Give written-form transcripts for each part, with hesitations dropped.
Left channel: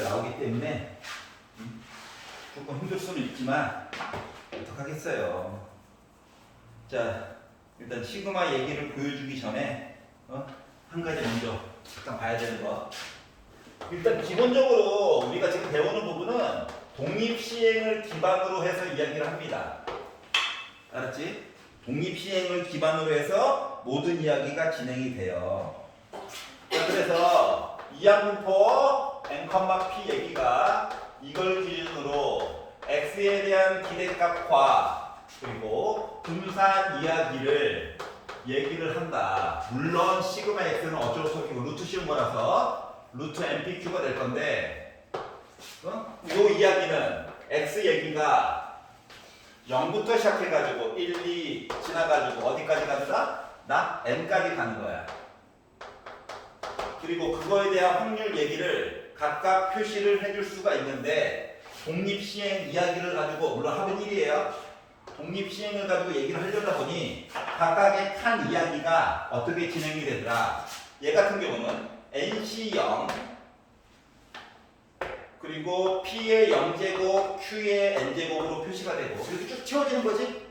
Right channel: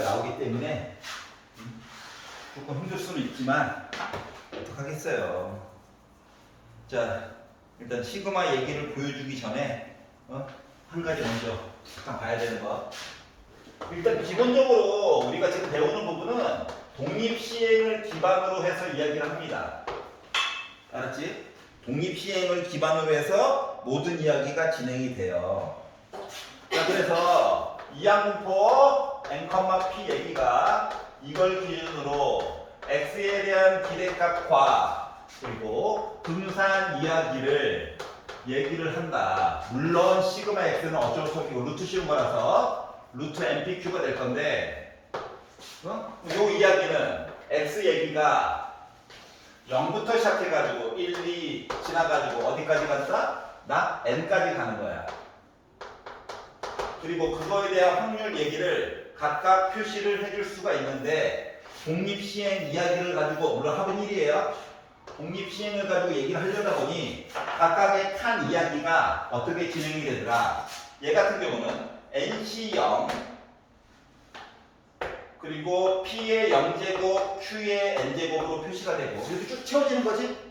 나오기 때문에 조금 힘들 수는 있지만 어떡하겠어요. 자, 일단 시그마 얘기를 보여주기 전에 한 가지 먼저 잠깐 봐야 되는 거. 일단 기본적으로 우리가 지금 배우는 부분은 독립시행을 기반으로 해서 이야기를 합니다. 알았지? 독립시행을 기반으로 해서 모든 이야기가 진행이 돼요. 자, 그래서 이항분포 n, p 얘기가 이걸 기준으로 x에 대한 기대값과 그리고 분산 이야기를 얘기를 한다. 물론 시그마 x는 어쩔 수 없고 루트 씌운 거라서 루트 npq가 될 건데 요 이야기는 x 얘기가 0부터 시작해가지고 1, 2 지나가지고 어디까지 간다? 나 n까지 가는 거야. 그리고 그거에 대한 확률 얘기를 각각 표시를 해줄 수가 있는데 독립시행 이야기를 가지고 물론 합은 1이에요. 독립시행을 가지고 얘기를 하려다 보니 각각의 칸 이야기가 어떻게 진행이 되더라. 얘 같은 경우는 NC0 그리고 P의 0제곱, Q의 N제곱으로 표시가 되고 이렇게 쭉 채워지는 거지?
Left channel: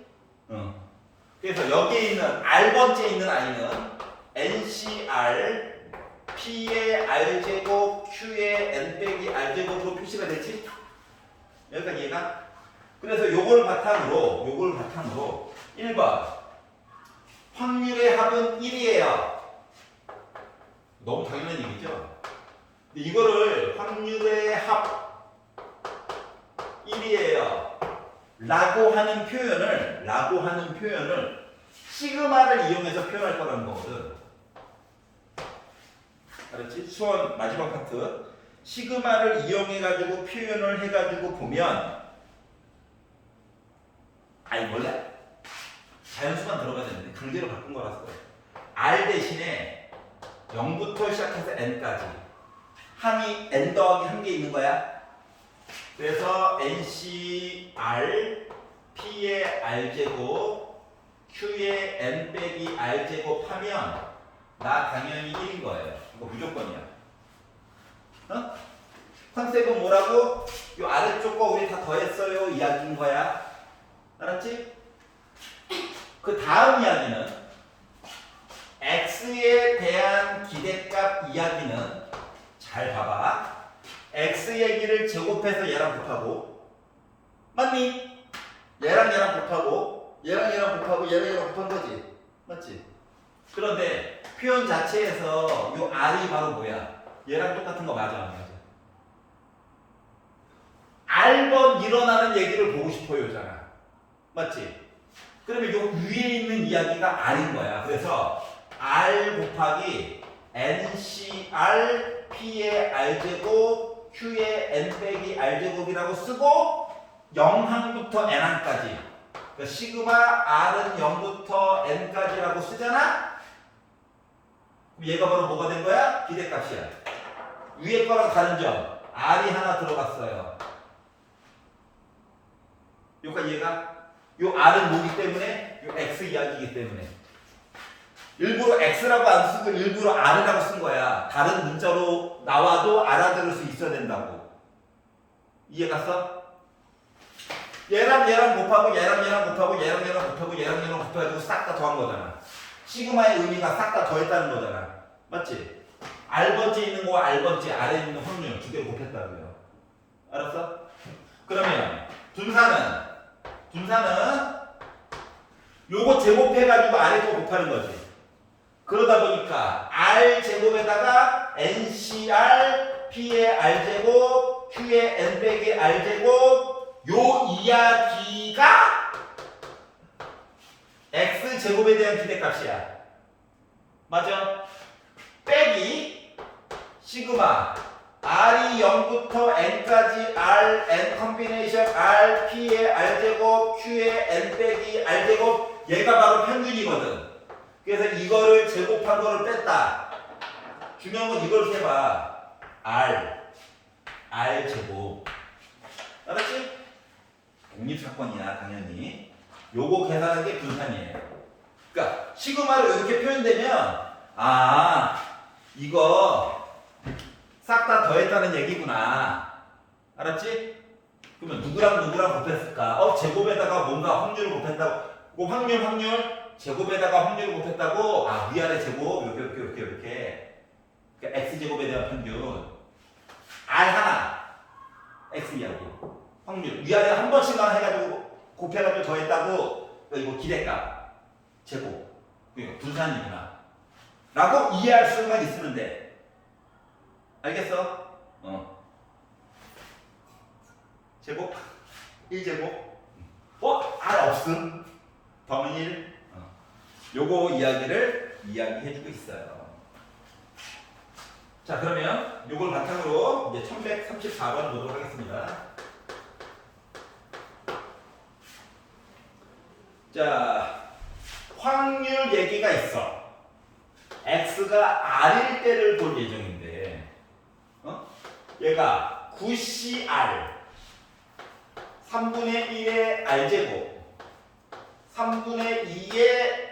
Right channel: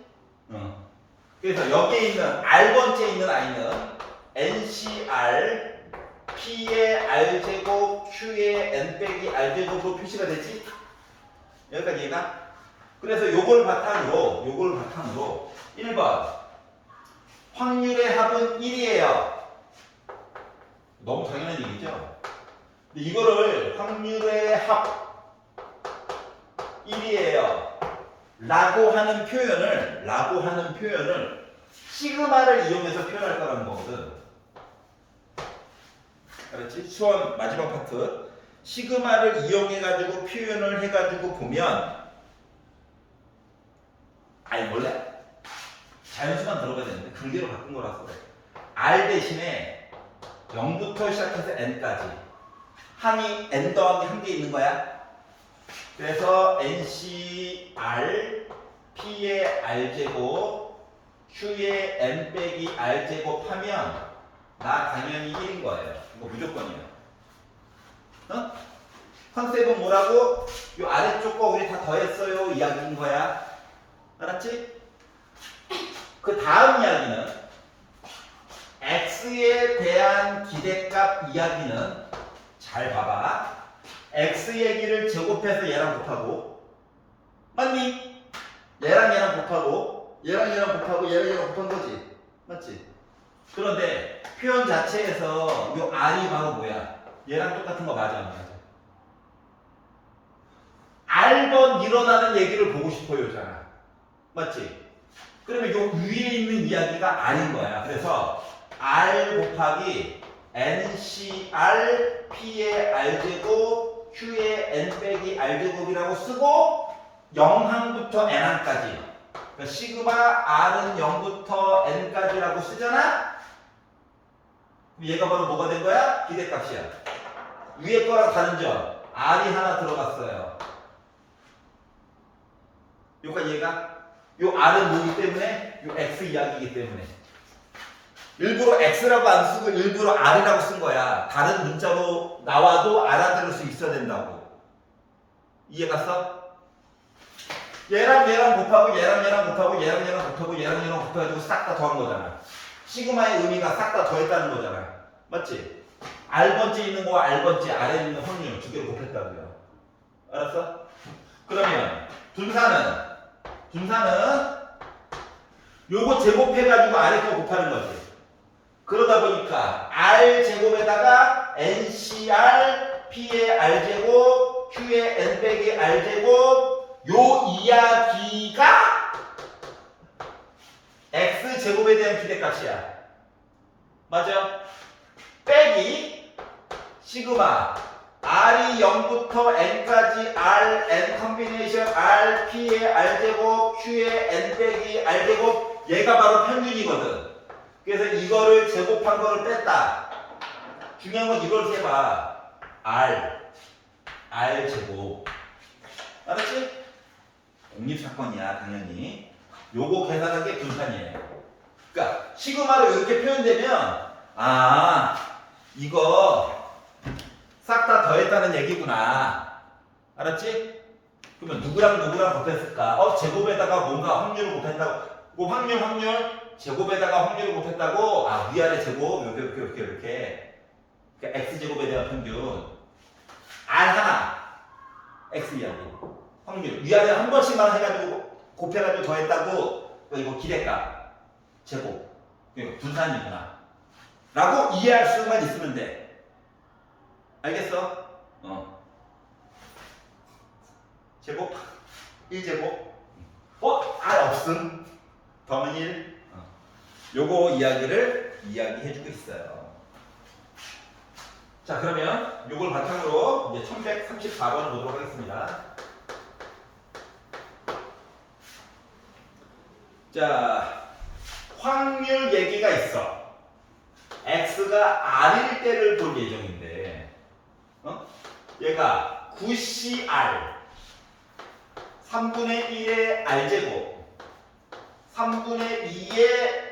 그래서 여기에 있는 R번째에 있는 I는 NCR P의 R제곱, Q의 N 빼기 R제곱으로 표시가 되지? 여기까지 이해가? 그래서 요걸 바탕으로 1번 확률의 합은 1이에요. 너무 당연한 얘기죠? 근데 이거를 확률의 합 1이에요 라고 하는 표현을 시그마를 이용해서 표현할 거라는 거거든. 알았지? 수원 마지막 파트 시그마를 이용해가지고 표현을 해가지고 보면 원래 자연수만 들어가야 되는데 그대로 바꾼 거라서 그래. R 대신에 0부터 시작해서 n까지 항이 n 더하기 1개 있는 거야. 그래서 NCR P의 R제곱 Q의 N 빼기 R제곱 하면 나 당연히 1인 거예요. 이거 무조건이야. 컨셉은 뭐라고? 요 아래쪽 거 우리 다 더했어요 이야기인 거야. 알았지? 그 다음 이야기는 x에 대한 기대값 이야기는 잘 봐봐. x 얘기를 제곱해서 얘랑 곱하고 맞니? 얘랑 곱하고 얘랑 곱한 거지. 맞지? 그런데 표현 자체에서 이 r이 바로 뭐야? 얘랑 똑같은 거 맞아 안 맞아? r번 일어나는 얘기를 보고 싶어요잖아. 맞지? 그러면 요 위에 있는 이야기가 r인 거야. 그래서 r 곱하기 NCR P의 R제곱 Q의 N 빼기 R제곱이라고 쓰고 0항부터 N항까지 그러니까 시그마 R은 0부터 N까지라고 쓰잖아? 얘가 바로 뭐가 된 거야? 기대값이야. 위에 거랑 다른 점 R이 하나 들어갔어요. 여기까지 얘가 요 R은 뭐기 때문에? 요 X 이야기이기 때문에 일부러 X라고 안 쓰고 일부러 R이라고 쓴 거야. 다른 문자로 나와도 알아들을 수 있어야 된다고. 이해 갔어? 얘랑 곱하고 얘랑 곱해가지고 싹 다 더한 거잖아. 시그마의 의미가 싹 다 더했다는 거잖아. 맞지? R번째 있는 거와 R번째 아래에 있는 확률 두 개를 곱했다고요. 알았어? 그러면 분산은 요거 제곱해가지고 아래 거 곱하는 거지. 그러다 보니까 R 제곱에다가 NCR P의 R제곱 Q의 N 빼기 R제곱 요 이야기가 X 제곱에 대한 기대값이야. 맞아? 빼기 시그마 R이 0부터 N까지 R N 컴비네이션 R P의 R제곱 Q의 N 빼기 R제곱 얘가 바로 평균이거든. 그래서 이거를 제곱한 거를 뺐다. 중요한 건 이걸 세봐. R 제곱. 알았지? 독립사건이야 당연히. 요거 계산한 게 분산이에요. 그러니까 시그마로 이렇게 표현되면 이거 싹 다 더했다는 얘기구나. 알았지? 그러면 누구랑 누구랑 곱했을까? 제곱에다가 뭔가 확률을 곱했다고. 그 확률 제곱에다가 확률을 곱했다고. 위아래 제곱 이렇게. 그러니까 x제곱에 대한 평균 r 하나 x라고 확률 위아래 한 번씩만 해가지고 곱해가지고 더했다고. 이거 기대값 제곱 그러니까 분산이구나 라고 이해할 수만 있으면 돼. 알겠어? 제곱 1제곱 R 없음 더하면 1 요거 이야기를 이야기해주고 있어요. 자, 그러면 요걸 바탕으로 이제 1134번 보도록 하겠습니다. 자, 확률 얘기가 있어. x가 r일 때를 볼 예정인데 얘가 9cr 3분의 1의 r제곱 3분의 2의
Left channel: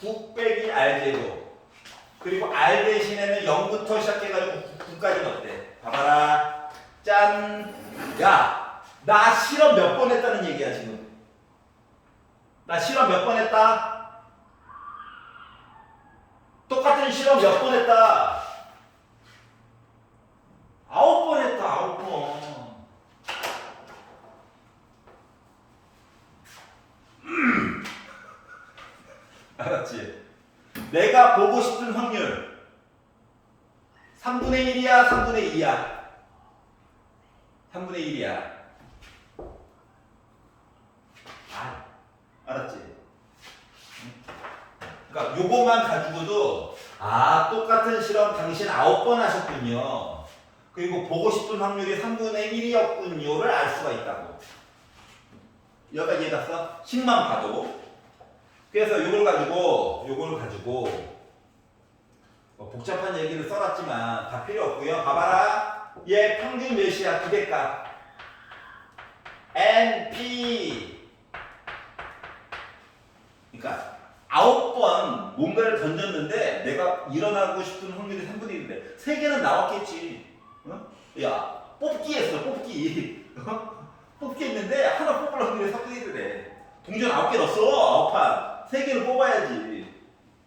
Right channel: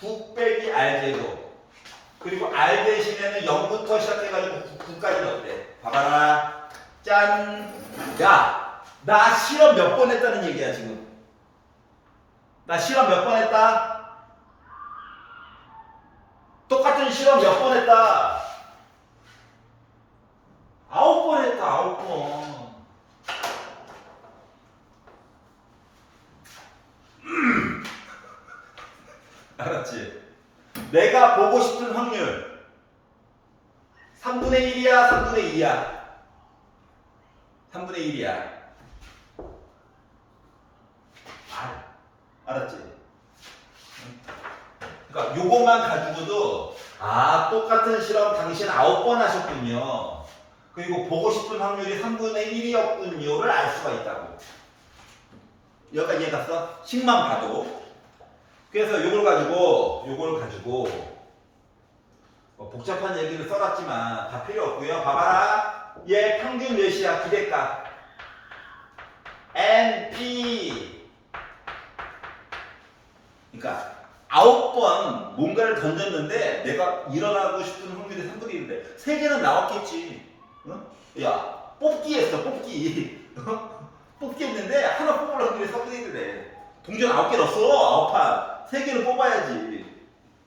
9 빼기 r제곱 그리고 r 대신에는 0부터 시작해가지고 9까지 넣었대. 봐봐라. 짠. 야, 나 실험 몇 번 했다는 얘기야 지금. 나 실험 몇 번 했다? 똑같은 실험 몇 번 했다? 9번 했다. 9번. 알았지? 내가 보고 싶은 확률 3분의 1이야 3분의 2야 3분의 1이야 알았지? 그러니까 요것만 가지고도 똑같은 실험 당신 9번 하셨군요. 그리고 보고 싶은 확률이 3분의 1이었군요를 알 수가 있다고. 여기까지 이해 갔어? 식만 봐도. 그래서 요걸 가지고 복잡한 얘기를 써놨지만 다 필요 없고요. 봐봐라. 얘 평균 몇이야? 기대값 NP. 그러니까 9번 뭔가를 던졌는데 내가 일어나고 싶은 확률이 3분의 1인데 3개는 나왔겠지. 야, 뽑기 했어. 뽑기. 뽑기 했는데 하나 뽑을 확률이 3분의 1이래. 동전 9개 넣었어. 9판. 3개는 뽑아야지.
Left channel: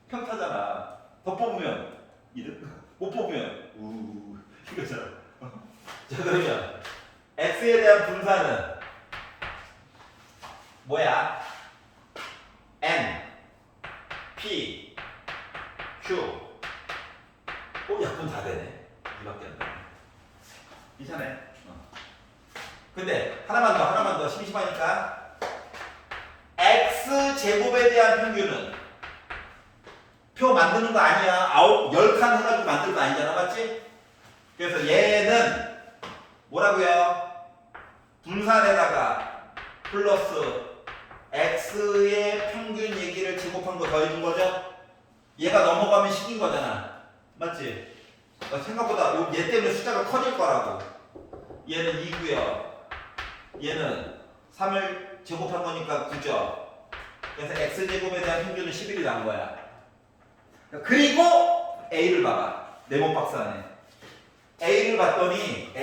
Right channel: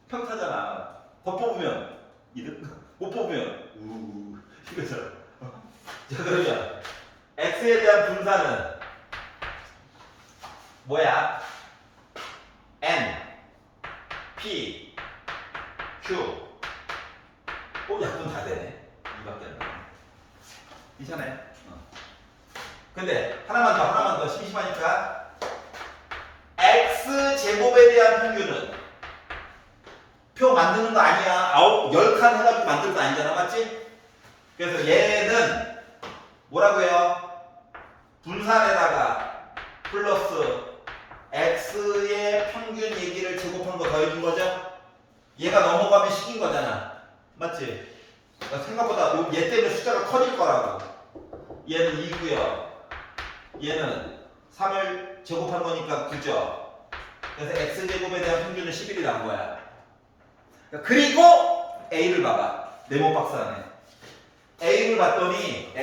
평타잖아. 더 뽑으면 2등. 못 뽑으면 이거잖아. 자, 그러면 x에 대한 분산은 뭐야? n, p, q. 약분 다 되네. 이밖에 안 되네. 이상해. 근데 하나만 더 심심하니까 x 제곱에 대한 평균은 표 만드는 거 아니야. 10칸 해가지고 만들 거 아니잖아. 맞지? 그래서 얘는 뭐라고요? 분산에다가 플러스 x의 평균 얘기를 제곱한 거 더해준 거죠? 얘가 넘어가면 식인 거잖아. 맞지? 생각보다 얘 때문에 숫자가 커질 거라고. 얘는 2고요. 얘는 3을 제곱한 거니까 9죠. 그래서 x제곱에 대한 평균은 11이 난 거야. 그리고 a를 봐봐. 네모 박스 안에. a를 봤더니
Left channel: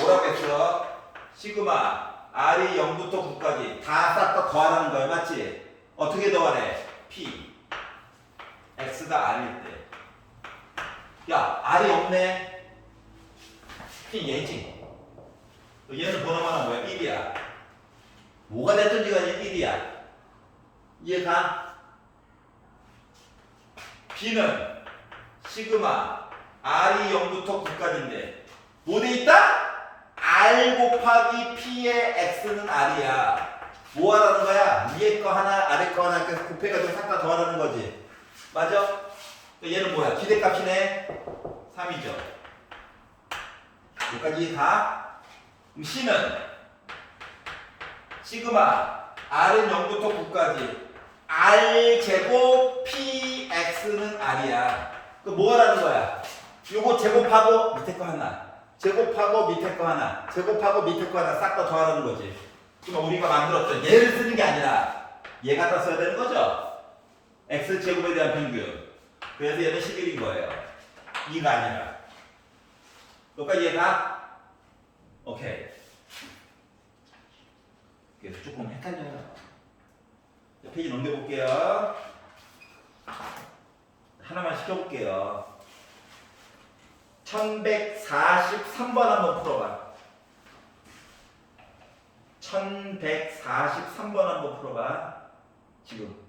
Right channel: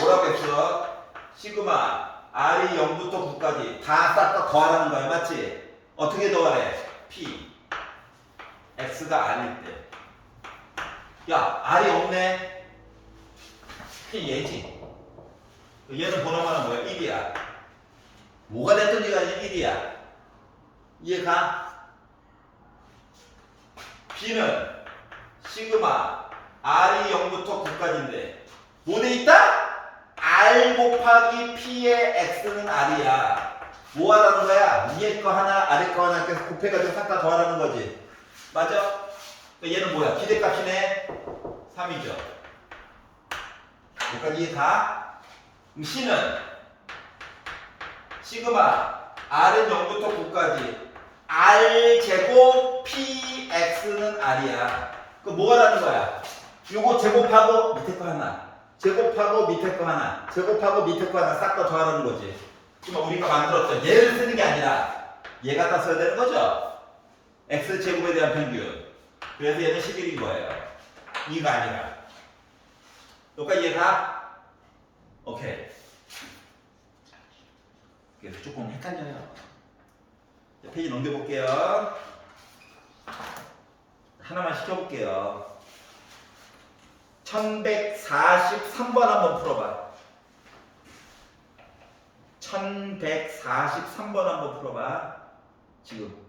뭐라고 했어? 시그마 r이 0부터 9까지 다 싹 다 더하라는 거야. 맞지? 어떻게 더하래? p x가 r일 때. 야, r이 없네. p 얘지. 얘는 번호만은 뭐야? 1이야. 뭐가 됐든지 간에 1이야. 이해가? b는 시그마 r이 0부터 9까지인데 뭐 돼 있다? r 곱하기 p의 x는 r이야. 뭐 하라는 거야? 위에 거 하나 아래 거 하나 이렇게 곱해가지고 싹 다 더하라는 거지. 맞아? 얘는 뭐야? 기대값이네. 3이죠. 여기까지 이해가? c는 시그마 r은 0부터 9까지 r 제곱 px는 r이야. 그 뭐 하라는 거야? 요거 제곱하고 밑에 거 하나, 제곱하고 밑에 거 하나, 제곱하고 밑에 거 하나 싹 다 더하라는 거지. 그러면 우리가 만들었죠. 얘를 쓰는 게 아니라 얘 갖다 써야 되는 거죠. x 제곱에 대한 평균. 그래서 얘는 11인 거예요. 이가 아니라. 여기까지 이해가? 오케이. 그래서 조금 헷갈려요. 자, 페이지 넘겨볼게요. 하나만 시켜볼게요. 1143번 한번 풀어봐. 1143번 한번 풀어봐. 지금.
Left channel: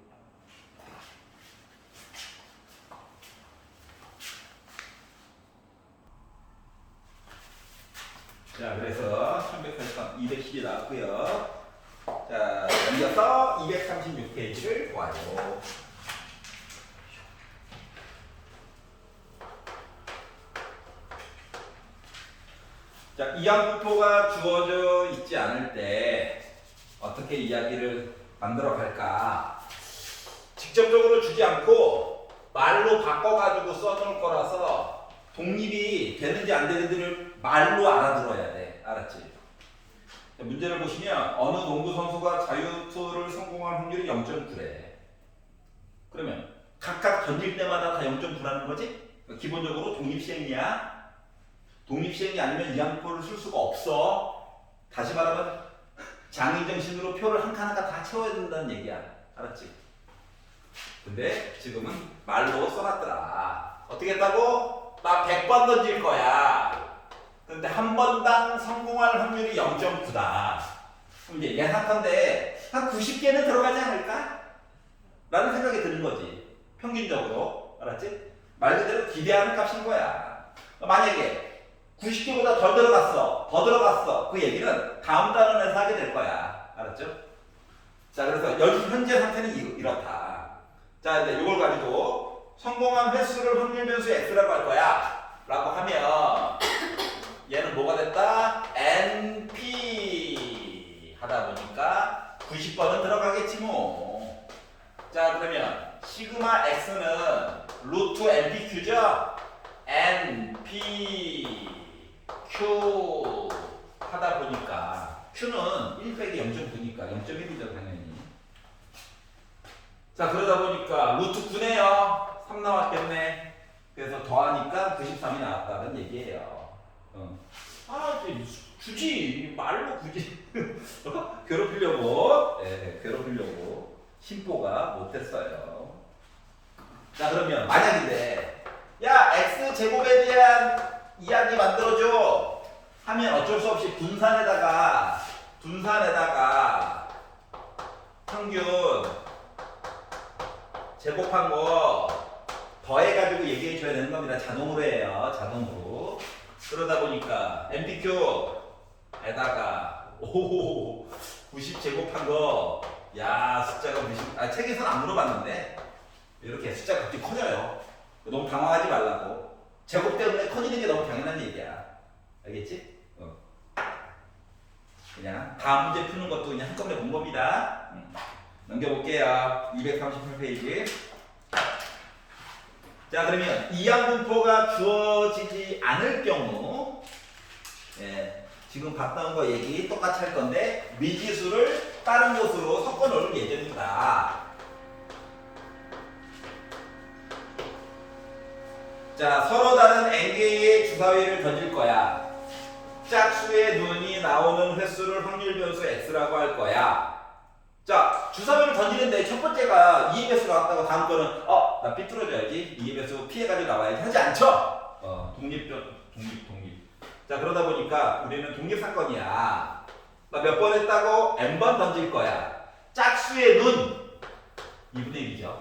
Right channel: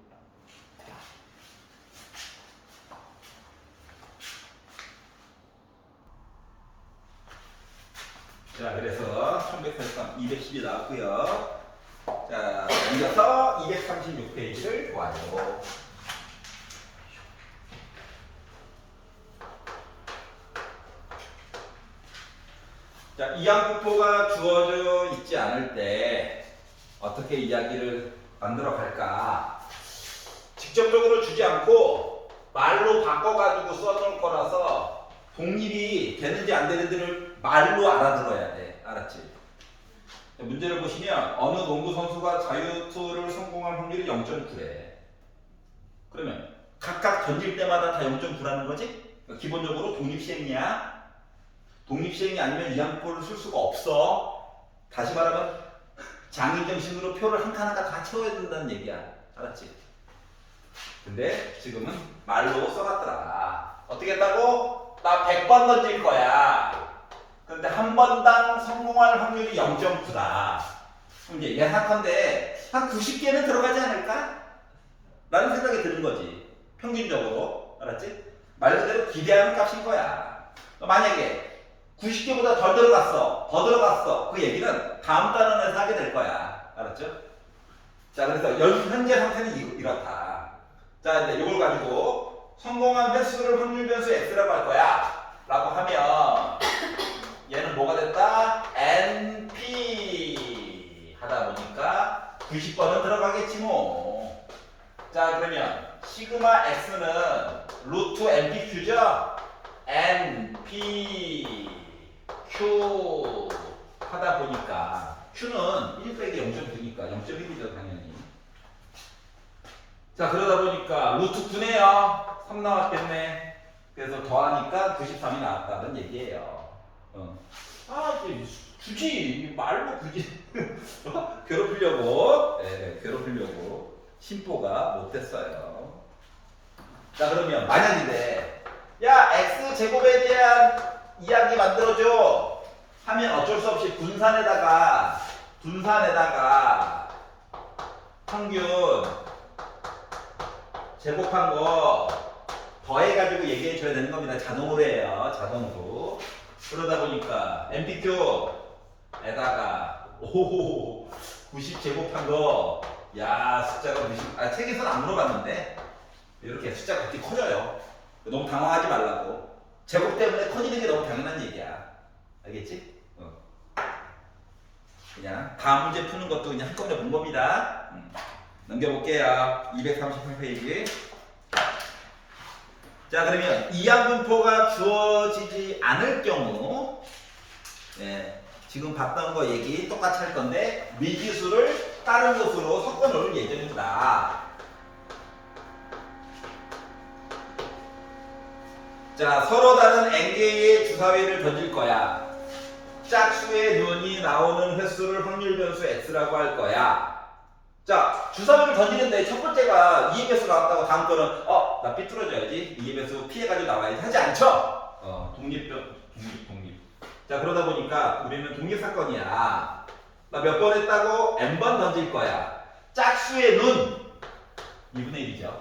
자, 그래서 1143, 210이 나왔고요. 자, 넘겨서 236페이지를 보아요. 자, 이항분포가 주어져 있지 않을 때 어떻게 이야기를 만들어 갈까? 직접적으로 주지 않고 말로 바꿔가지고 써놓을 거라서 독립이 되는지 안 되는지를 말로 알아들어야 돼. 알았지? 자, 문제를 보시면 어느 농구 선수가 자유투를 성공할 확률이 0.9래. 그러면 각각 던질 때마다 다 0.9라는 거지? 그러니까 기본적으로 독립시행이야. 독립시행이 아니면 이항표를 쓸 수가 없어. 다시 말하면 장의정신으로 표를 한 칸 한 칸 다 채워야 된다는 얘기야. 알았지? 근데 지금은 말로 써놨더라. 어떻게 했다고? 나 100번 던질 거야. 근데 한 번당 성공할 확률이 0.9다. 그럼 이제 예상컨대 한 90개는 들어가지 않을까? 라는 생각이 드는 거지. 평균적으로. 알았지? 말 그대로 기대하는 값인 거야. 만약에 90개보다 덜 들어갔어, 더 들어갔어. 그 얘기는 다음 단원에서 하게 될 거야. 알았죠? 자, 그래서 현재 상태는 이렇다. 자, 이제 이걸 가지고 성공한 횟수를 확률 변수 x라고 할 거야. 라고 하면 얘는 뭐가 됐다? NP 하다 보니까 90번은 들어가겠지 뭐. 자, 그러면 시그마 x는 루트 NPQ죠? NP Q 하다 보니까 Q는 1 빼기 0.9니까 0.1이죠 당연히. 자, 그러다 보니까 루트 9네요. 3 나왔겠네. 그래서 더하니까 93이 나왔다는 얘기예요. 아, 굳이 말로 굳이 괴롭히려고, 네, 괴롭히려고 심보가 못됐어요. 자, 그러면 만약인데, 야, x 제곱에 대한 이야기 만들어줘 하면 어쩔 수 없이 분산에다가 평균 제곱한 거 더해가지고 얘기해줘야 되는 겁니다. 자동으로 해요. 자동으로. 그러다 보니까 MPQ에다가 90 제곱한 거, 야, 숫자가 90, 책에서는 안 물어봤는데 이렇게 숫자가 그렇게 커져요. 너무 당황하지 말라고. 제곱 때문에 커지는 게 너무 당연한 얘기야. 알겠지? 그냥 다음 문제 푸는 것도 그냥 한꺼번에 본 겁니다. 넘겨볼게요. 238페이지. 자, 그러면 이항분포가 주어지지 않을 경우, 네, 지금 봤던 거 얘기 똑같이 할 건데 미지수를 다른 곳으로 섞어 놓을 예정이다. 자, 서로 다른 n개의 주사위를 던질 거야. 짝수의 눈이 나오는 횟수를 확률 변수 x라고 할 거야. 자, 주사위를 던지는데 첫 번째가 2의 배수 나왔다고 다음 거는 나 삐뚤어져야지. 2의 배수 피해가지고 나와야지 하지 않죠? 독립. 자, 그러다 보니까 우리는 독립사건이야. 나 몇 번 했다고? n번 던질 거야. 짝수의 눈 2분의 1이죠.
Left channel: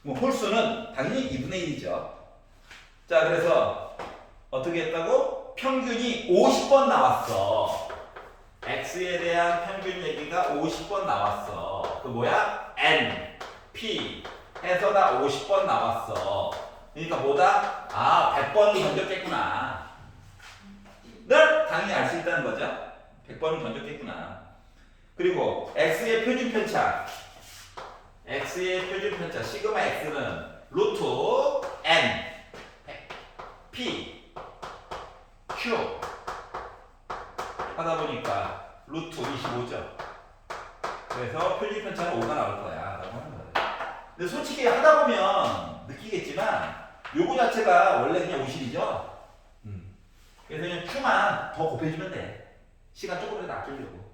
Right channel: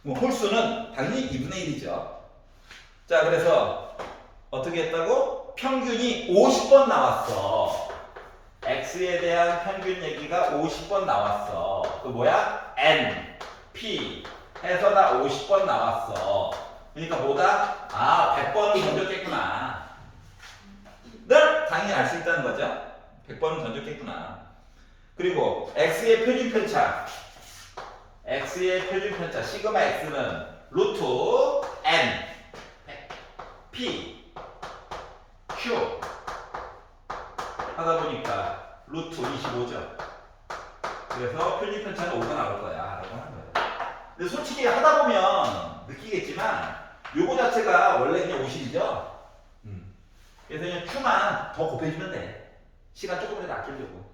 뭐 홀수는 당연히 2분의 1이죠. 자, 그래서 어떻게 했다고? 평균이 50번 나왔어. x에 대한 평균 얘기가 50번 나왔어. 그 뭐야? n, p 해서 나 50번 나왔어. 그러니까 뭐다? 100번은 던졌겠구나. 를 당연히 알 수 있다는 거죠. 100번은 던졌겠구나. 그리고 x의 표준 편차. x의 표준 편차 시그마 x는 루트 n p q 하다 보니까 루트 25죠. 그래서 표준 편차는 5가 나올 거야 라고 하는 거예요. 근데 솔직히 하다 보면 느끼겠지만 요거 자체가 원래 그냥 50이죠. 그래서 그냥 Q만 더 곱해주면 돼. 시간 조금이라도 아끼려고.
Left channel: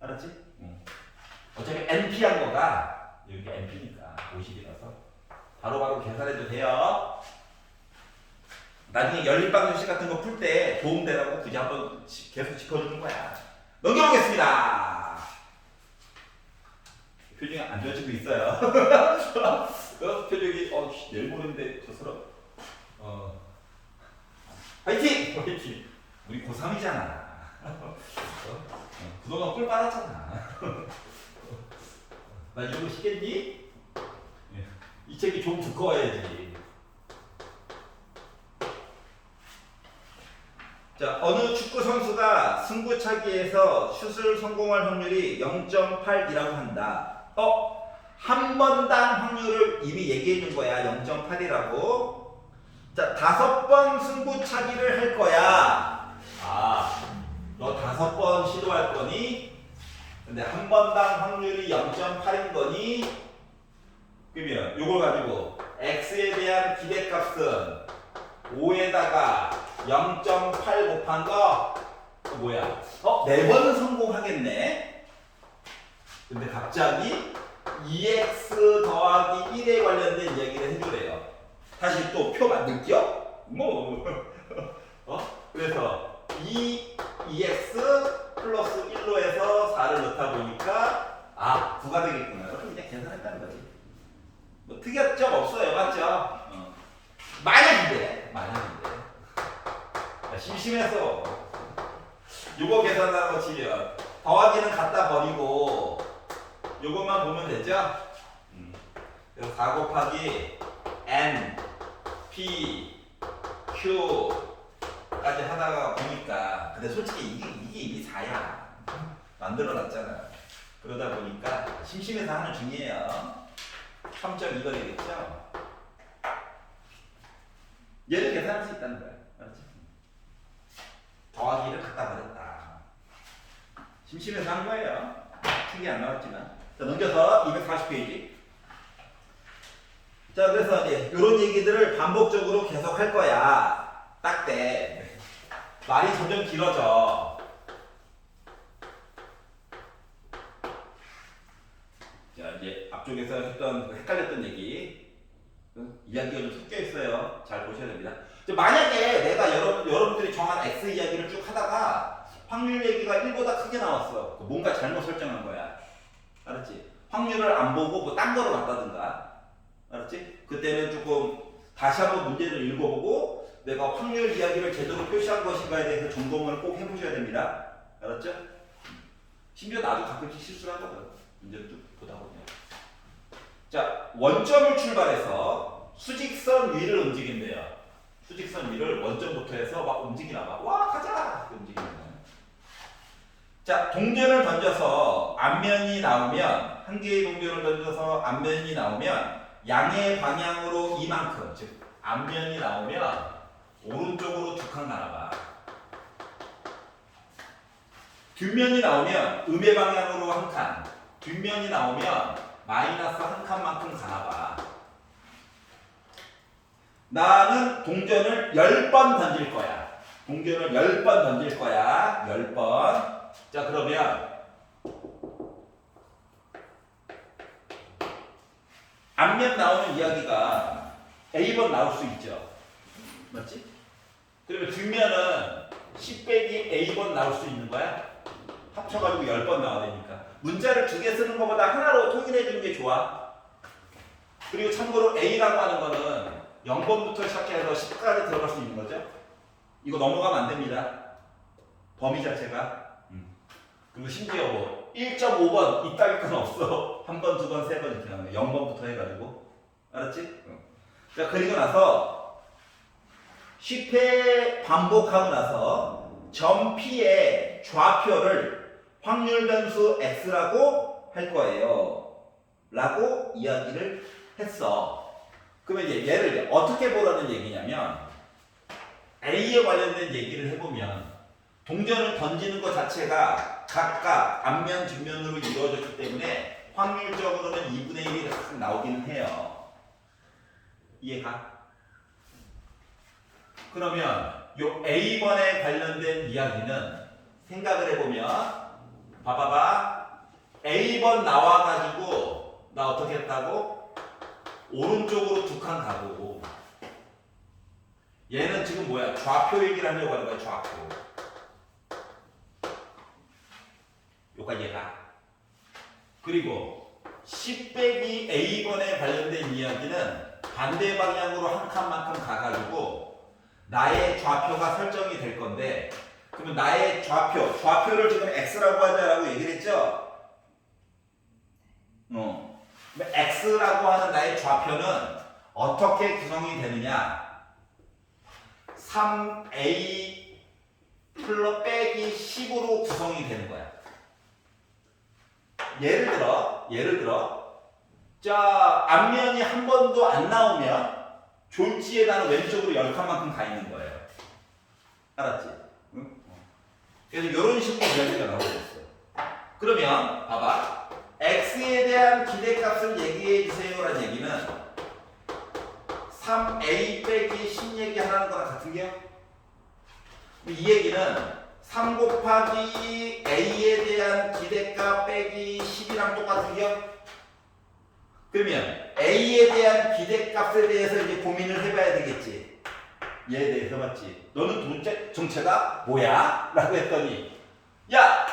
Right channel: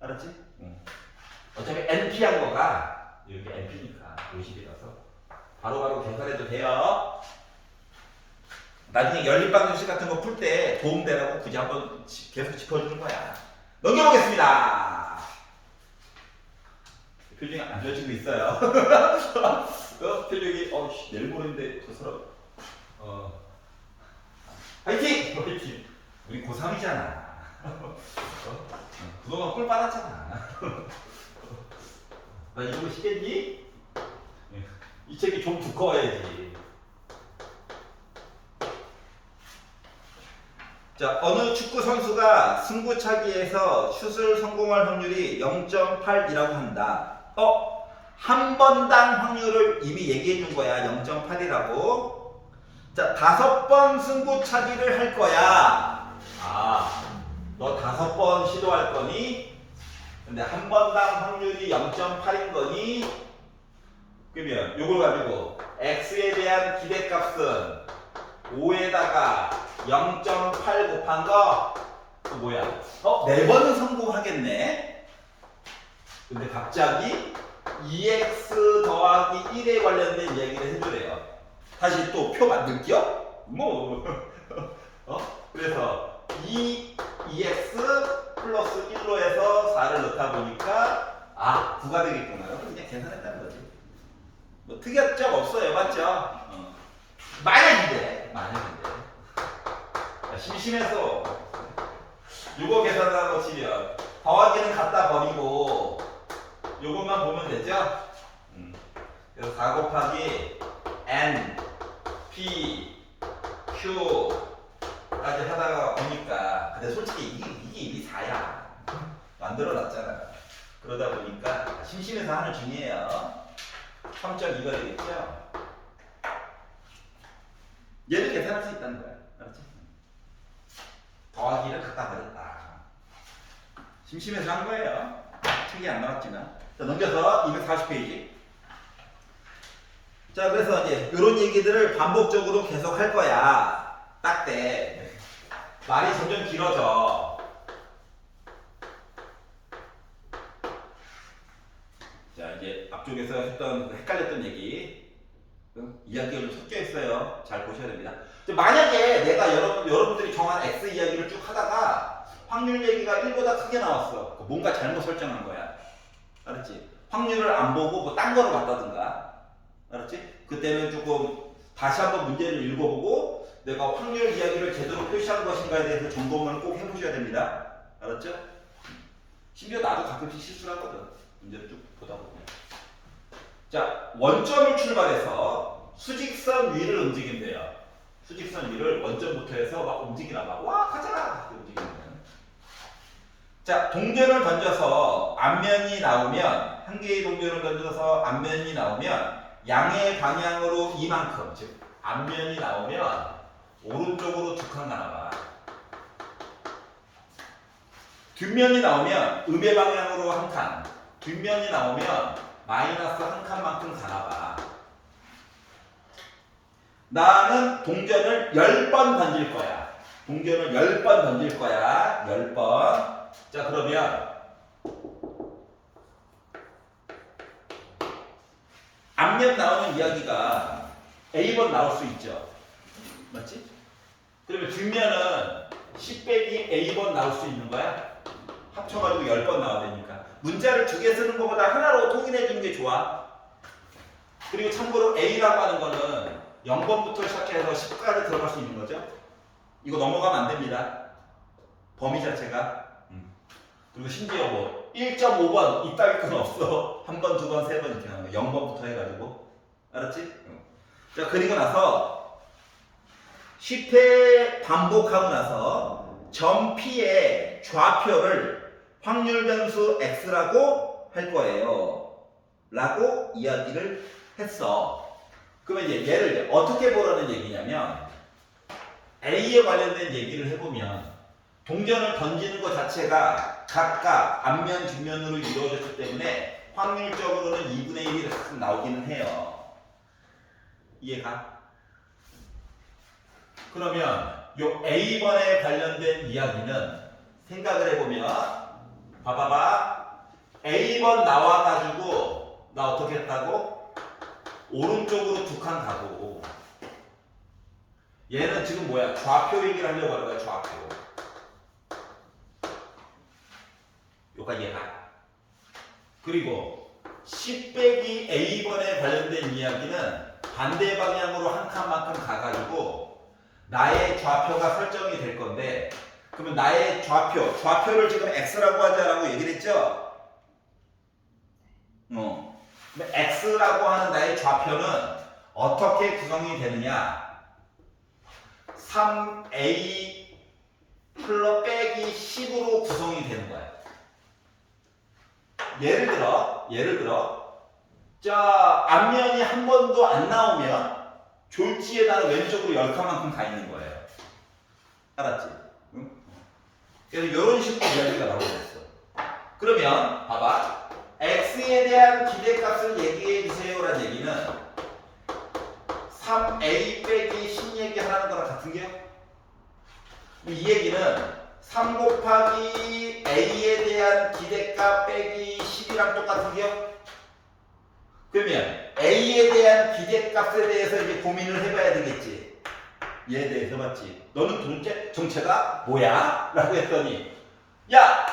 알았지? 어차피 NP한 거가 여기 NP니까 50이라서 바로바로 계산해도 돼요. 나중에 연립방정식 같은 거 풀 때 도움되라고 굳이 한번 계속 짚어주는 거야. 넘겨보겠습니다. 표정이 안 좋아지고 있어요. 표정이 내일 모레인데 저 사람 화이팅! 화이팅! 우리 고3이잖아. 그동안 꿀 빨았잖아. 나 이거 시겠니? 이 책이 좀 두꺼워야지. 자, 어느 축구 선수가 승부차기에서 슛을 성공할 확률이 0.8이라고 한다. 한 번당 확률을 이미 얘기해 준 거야. 0.8이라고. 자, 5번 승부차기를 할 거야. 너 5번 시도할 거니? 근데 한 번당 확률이 0.8인 거니? 그러면 요걸 가지고 x에 대한 기대값은 5에다가 0.8 곱한 거 뭐야? 4번은 성공하겠네. 근데 갑자기 2x 더하기 1에 관련된 얘기를 해주래요. 다시 또 표 만들게요? 그래서 2x 플러스 1로 해서 4를 넣다 보니까 9가 되겠구나. 그냥 계산했다는 거지. 뭐 특이한 점 없어요. 맞죠? 만약인데 심심해서 요거 계산하고 치면 더하기는 갖다 버리고 요것만 보면 되죠? 그래서 4 곱하기 n, p, q까지 하다가 보니까 근데 솔직히 이게 이미 4야. 만들어놨잖아. 그러다 보니까 심심해서 하는 중이에요. 3.2가 되겠죠? 얘를 계산할 수 있다는 거야. 알았지? 더하기를 갖다 버렸다. 심심해서 한 거예요. 책이 안 나왔지만. 자, 넘겨서 240페이지. 자, 그래서 이제 이런 얘기들을 반복적으로 계속 할 거야. 딱 때. 말이 점점 길어져. 자, 이제 앞쪽에서 했던 헷갈렸던 얘기. 이야기가 좀 섞여 있어요. 잘 보셔야 됩니다. 만약에 내가 여러분들이 정한 X 이야기를 쭉 하다가 확률 얘기가 1보다 크게 나왔어. 뭔가 잘못 설정한 거야. 알았지? 확률을 안 보고 뭐 딴 거로 봤다든가. 알았지? 그때는 조금 다시 한번 문제를 읽어보고 내가 확률 이야기를 제대로 표시한 것인가에 대해서 점검을 꼭 해보셔야 됩니다. 알았죠? 심지어 나도 가끔씩 실수를 하거든. 문제를 쭉 보다 보면. 자, 원점을 출발해서 수직선 위를 움직인대요. 수직선 위를 원점부터 해서 막 움직이나 봐. 와, 가자! 움직이는 거야. 자, 동전을 던져서 앞면이 나오면, 한 개의 동전을 던져서 앞면이 나오면 양의 방향으로 이만큼, 즉 앞면이 나오면 오른쪽으로 두 칸 가나 봐. 뒷면이 나오면 음의 방향으로 한 칸, 뒷면이 나오면 마이너스 한 칸만큼 가나 봐. 나는 동전을 10번 던질 거야. 동전을 10번 던질 거야. 10번. 자, 그러면 앞면 나오는 이야기가 A번 나올 수 있죠. 맞지? 그러면 뒷면은 10 빼기 A번 나올 수 있는 거야. 합쳐가지고 10번 나와야 되니까. 문자를 2개 쓰는 것보다 하나로 통일해 주는 게 좋아. 그리고 참고로 A라고 하는 거는 0번부터 시작해서 10까지 들어갈 수 있는 거죠. 이거 넘어가면 안 됩니다. 범위 자체가. 그리고 심지어 뭐 1.5번 이따위 건 없어. 한 번, 두 번, 세 번 이렇게 나오네. 0번부터 해가지고. 알았지? 자, 그리고 나서 10회 반복하고 나서 점 P의 좌표를 확률 변수 X라고 할 거예요. 라고 이야기를 했어. 그러면 이제 얘를 어떻게 보라는 얘기냐면 A에 관련된 얘기를 해보면 동전을 던지는 것 자체가 각각 앞면, 뒷면으로 이루어졌기 때문에 확률적으로는 2분의 1이 딱 나오기는 해요. 이해가? 그러면 요 A번에 관련된 이야기는 생각을 해보면 봐봐봐. A번 나와가지고 나 어떻게 했다고? 오른쪽으로 두 칸 가고 얘는 지금 뭐야? 좌표 얘기를 하려고 하는 거야. 좌표. 여기까지 가. 그리고 10 빼기 A번에 관련된 이야기는 반대 방향으로 한 칸만큼 가가지고 나의 좌표가 설정이 될 건데 그러면 나의 좌표를 지금 X라고 하자라고 얘기를 했죠? X라고 하는 나의 좌표는 어떻게 구성이 되느냐? 3A 플러 빼기 10으로 구성이 되는 거야. 예를 들어 자 앞면이 한 번도 안 나오면 졸지에다가 왼쪽으로 10칸만큼 가 있는 거예요. 알았지? 응? 그래서 이런 식으로 이야기가 나오고 있어. 그러면 봐봐. X에 대한 기대값을 얘기해 주세요라는 얘기는 3A 빼기 10 얘기하는 거랑 같은 게요? 이 얘기는 3 곱하기 A에 대한 기대값 빼기 10이랑 똑같은 게요? 그러면 A에 대한 기대값에 대해서 이제 고민을 해봐야 되겠지. 얘에 대해서 맞지? 너는 도대체 정체가 뭐야? 라고 했더니 야!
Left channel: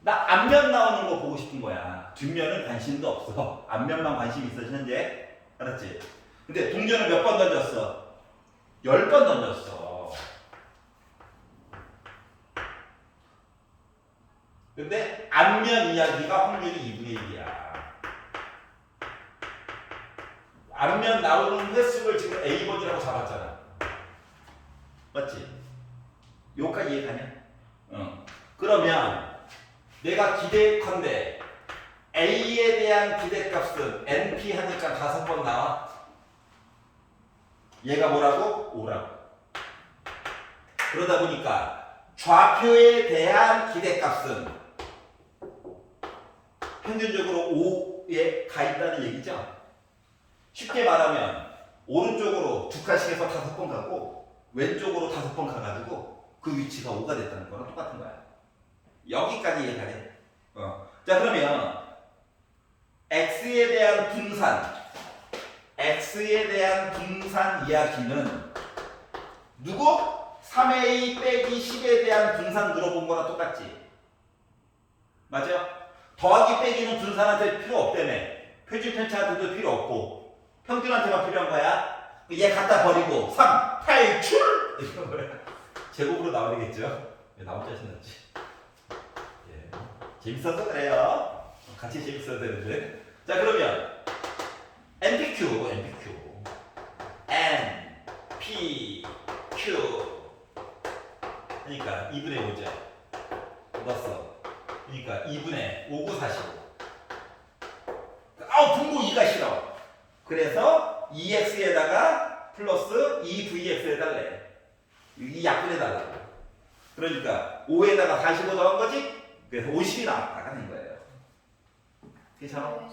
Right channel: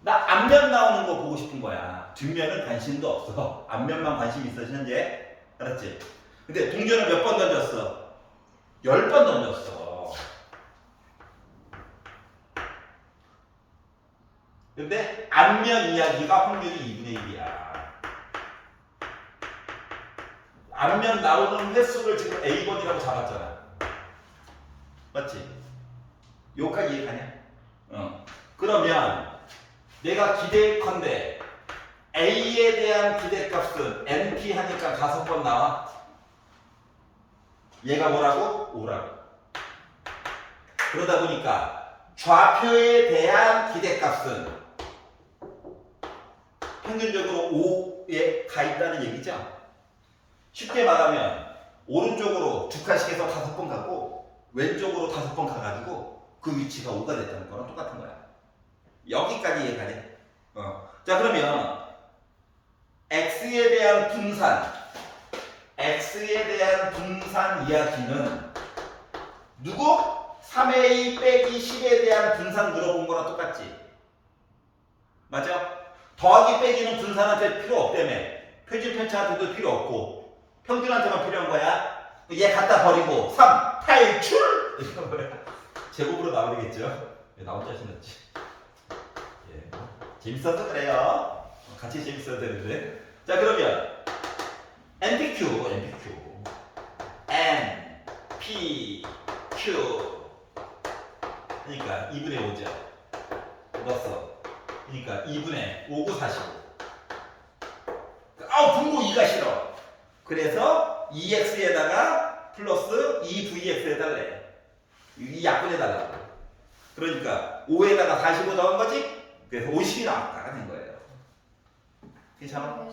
나 앞면 나오는 거 보고 싶은 거야. 뒷면은 관심도 없어. 앞면만 관심 있어 현재. 알았지? 근데 동전을 몇 번 던졌어? 10번 던졌어. 근데 앞면 이야기가 확률이 2분의 1이야. 앞면 나오는 횟수를 지금 A번이라고 잡았잖아. 맞지? 여기까지 이해가냐? 그러면 내가 기대컨대 A에 대한 기대값은 NP 하니까 5번 나와. 얘가 뭐라고? 5라고. 그러다 보니까 좌표에 대한 기대값은 평균적으로 5에 가 있다는 얘기죠. 쉽게 말하면 오른쪽으로 두 칸씩 해서 5번 가고 왼쪽으로 5번 가가지고 그 위치가 5가 됐다는 거랑 똑같은 거야. 여기까지 이해가네. 자 그러면 X에 대한 분산 이야기는 누구? 3A 빼기 10에 대한 분산 물어본 거랑 똑같지. 맞아? 더하기 빼기는 분산한테 필요 없다며. 표준 편차한테도 필요 없고 평균한테만 필요한 거야. 얘 갖다 버리고 3 탈출! 이런 거야. 제곱으로 나오겠죠? 나올 자신 없지. 예. 재밌어서 그래요. 같이 재밌어야 되는데. 자 그러면 NPQ 그러니까 2분의 5죠. 넣었어. 그러니까 2분의 5, 9, 45. 분모 2가 싫어. 그래서 2x에다가 플러스 2vx 해달래. 이 약분해달라. 그러니까 5에다가 45 넣은 거지? 그래서 50이 나가는 거예요. 괜찮아?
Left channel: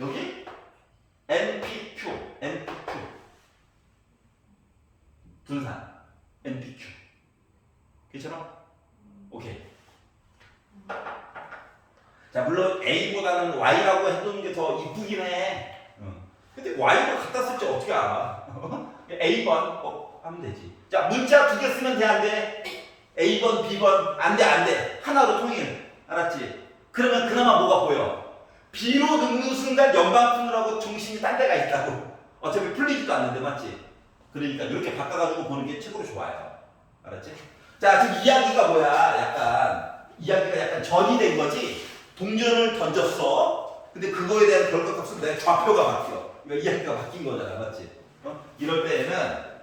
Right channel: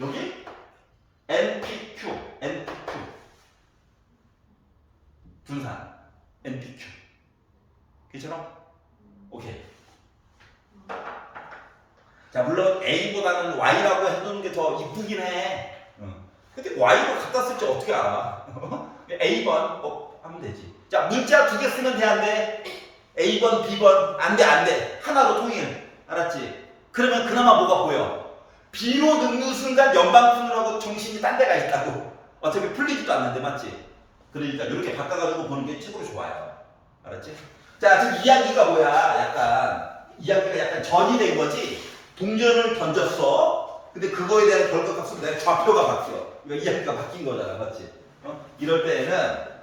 여기 NPQ 분산 NPQ 괜찮아? 오케이. 자 물론 A보다는 Y라고 해두는 게 더 이쁘긴 해. 근데 Y를 갖다 쓸 때 어떻게 알아? A번 하면 되지. 자 문자 2개 쓰면 돼 안 돼? A번 B번 안 돼. 하나로 통일. 알았지? 그러면 그나마 뭐가 보여? B로 넣는 순간 연방푼으로하고 중심이 딴 데가 있다고. 어차피 풀리지도 않는데 맞지? 그러니까 이렇게 바꿔가지고 보는 게 최고로 좋아요. 알았지? 자 지금 이야기가 뭐야? 이야기가 약간 전이 된 거지? 동전을 던졌어. 근데 그거에 대한 결과값은 내 좌표가 바뀌어. 그러니까 이야기가 바뀐 거잖아. 맞지? 이럴 때에는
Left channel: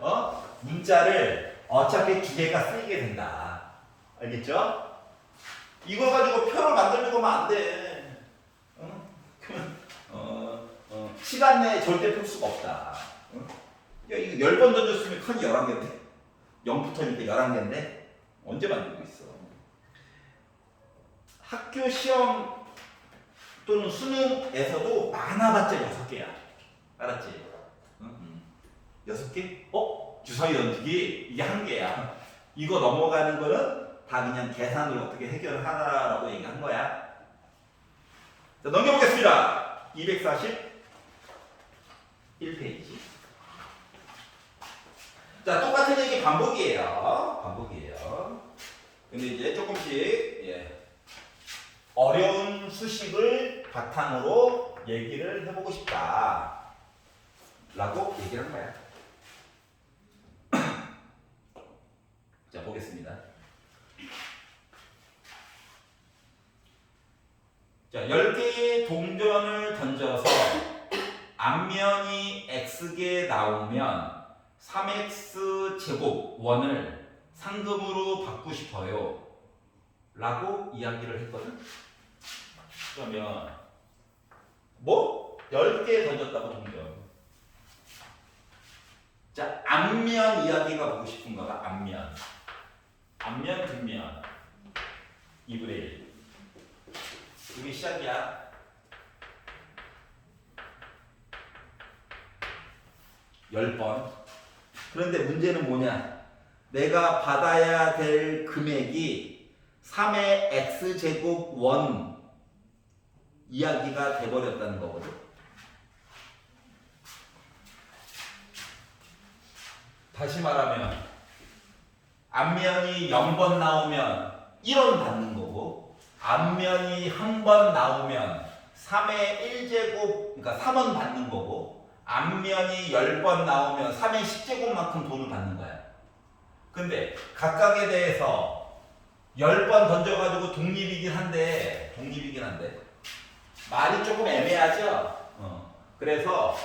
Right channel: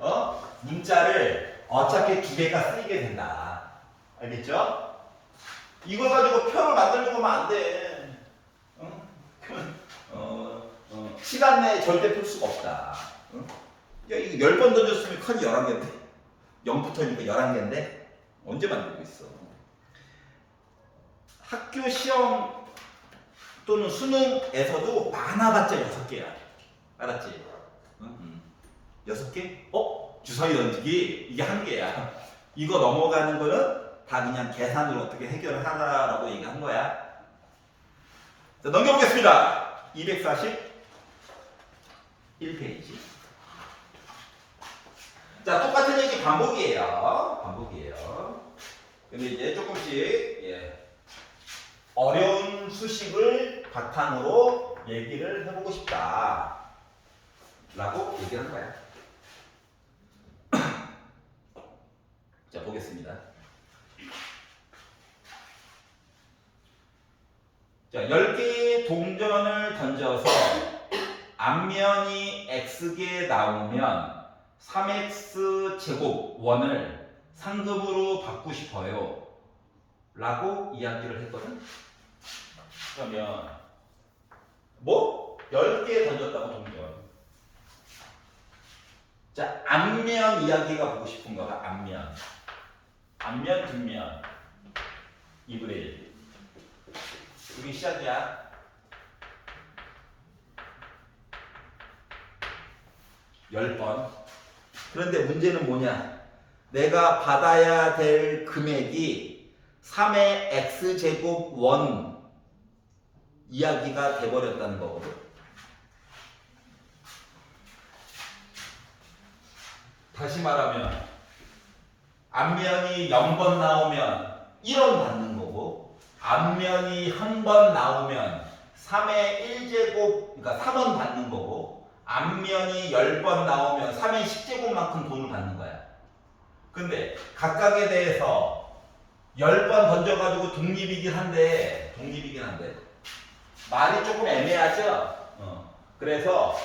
문자를 어차피 2개가 쓰이게 된다. 알겠죠? 이거 가지고 표를 만들려고 하면 안 돼. 시간 내에 절대 풀 수가 없다. 야, 이거 10번 던졌으면 칸이 11개인데? 0부터니까 11개인데? 언제 만들고 있어? 학교 시험 또는 수능에서도 많아봤자 6개야. 알았지? 응? 6개? 주사위 던지기 이게 1개야. 이거 넘어가는 거는 다 그냥 계산으로 어떻게 해결을 하라라고 얘기한 거야. 자, 넘겨보겠습니다. 241페이지. 자, 똑같은 얘기 반복이에요. 반복이에요. 근데 이제 조금씩 어려운 수식을 바탕으로 얘기를 해보고 싶다 라고 얘기를 한 거야. 자, 보겠습니다. 자, 10개의 동전을 던져서 앞면이 x개 나오면 3x 제곱 원을 상금으로 받고 싶어요 라고 이야기를 했거든. 그러면 뭐? 10개 던졌다고 동전. 자, 앞면 이야기가 보고 싶은 거다. 앞면. 앞면, 뒷면. 2분의 1. 이게 시작이야. 10번. 그런데 문제는 뭐냐? 내가 받아야 될 금액이 3의 x제곱 원 이야기가 돼버렸다는 거거든. 다시 말하면 앞면이 0번 나오면 1원 받는 거고, 앞면이 1번 나오면 3의 1제곱, 그러니까 3원 받는 거고, 앞면이 10번 나오면 3의 10제곱만큼 돈을 받는 거야. 근데 각각에 대해서 10번 던져가지고 독립이긴 한데 말이 조금 애매하죠? 그래서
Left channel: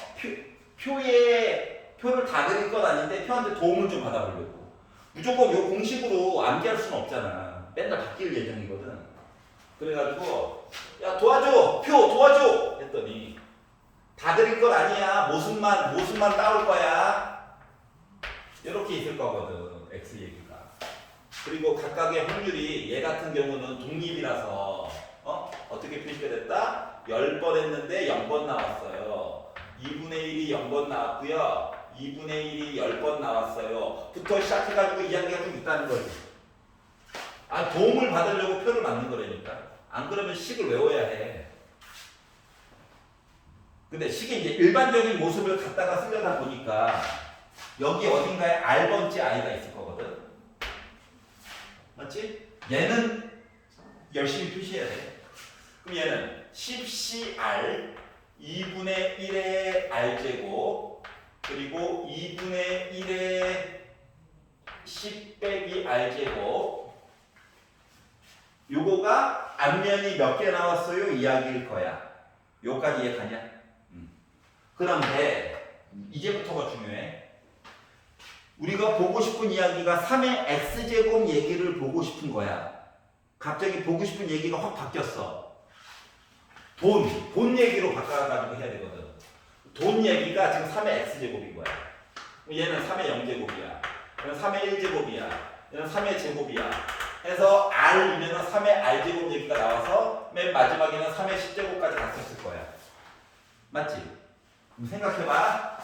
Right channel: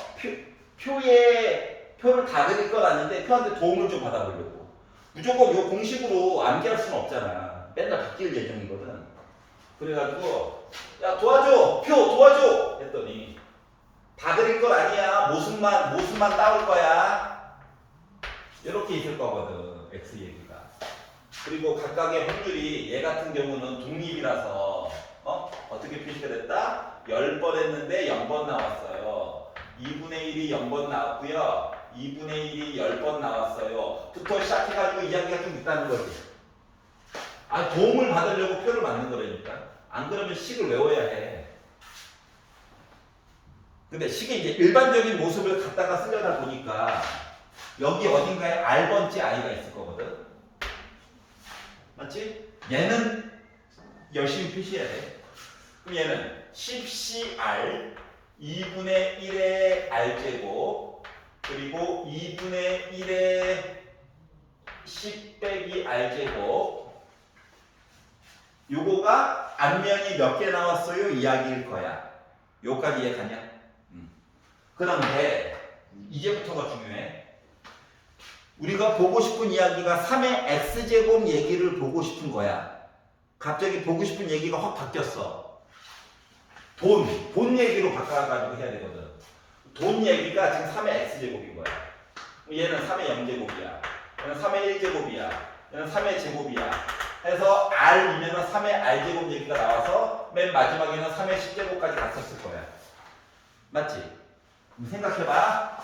표를 다 그릴 건 아닌데 표한테 도움을 좀 받아보려고. 무조건 요 공식으로 암기할 수는 없잖아. 맨날 바뀔 예정이거든. 그래가지고 야 도와줘! 표 도와줘! 했더니 다 그릴 건 아니야. 모습만 따올 거야. 이렇게 있을 거거든. X 얘기가. 그리고 각각의 확률이 얘 같은 경우는 독립이라서 어떻게 표시가 됐다? 10번 했는데 0번 나왔어요. 2분의 1이 0번 나왔고요. 2분의 1이 10번 나왔어요. 부터 시작해가지고 이야기가 좀 있다는 거지. 도움을 받으려고 표를 만든 거라니까. 안 그러면 식을 외워야 해. 근데 식이 이제 일반적인 모습을 갖다가 쓰려다 보니까 여기 어딘가에 R번째 I가 있을 거거든. 맞지? 얘는 열심히 표시해야 돼. 그럼 얘는 10CR 2분의 1의 R제곱 그리고 2분의 1의 10 빼기 R제곱 요거가 앞면이 몇 개 나왔어요? 이야기일 거야. 요까지 이해가냐? 그런데 이제부터가 중요해. 우리가 보고 싶은 이야기가 3의 x제곱 얘기를 보고 싶은 거야. 갑자기 보고 싶은 얘기가 확 바뀌었어. 돈 얘기로 바꿔가지고 해야 되거든. 돈 얘기가 지금 3의 x제곱인 거야. 얘는 3의 0제곱이야. 얘는 3의 1제곱이야. 얘는 3의 제곱이야. 해서 R이면 3의 R제곱 얘기가 나와서 맨 마지막에는 3의 10제곱까지 갔었을 거야. 맞지? 생각해봐.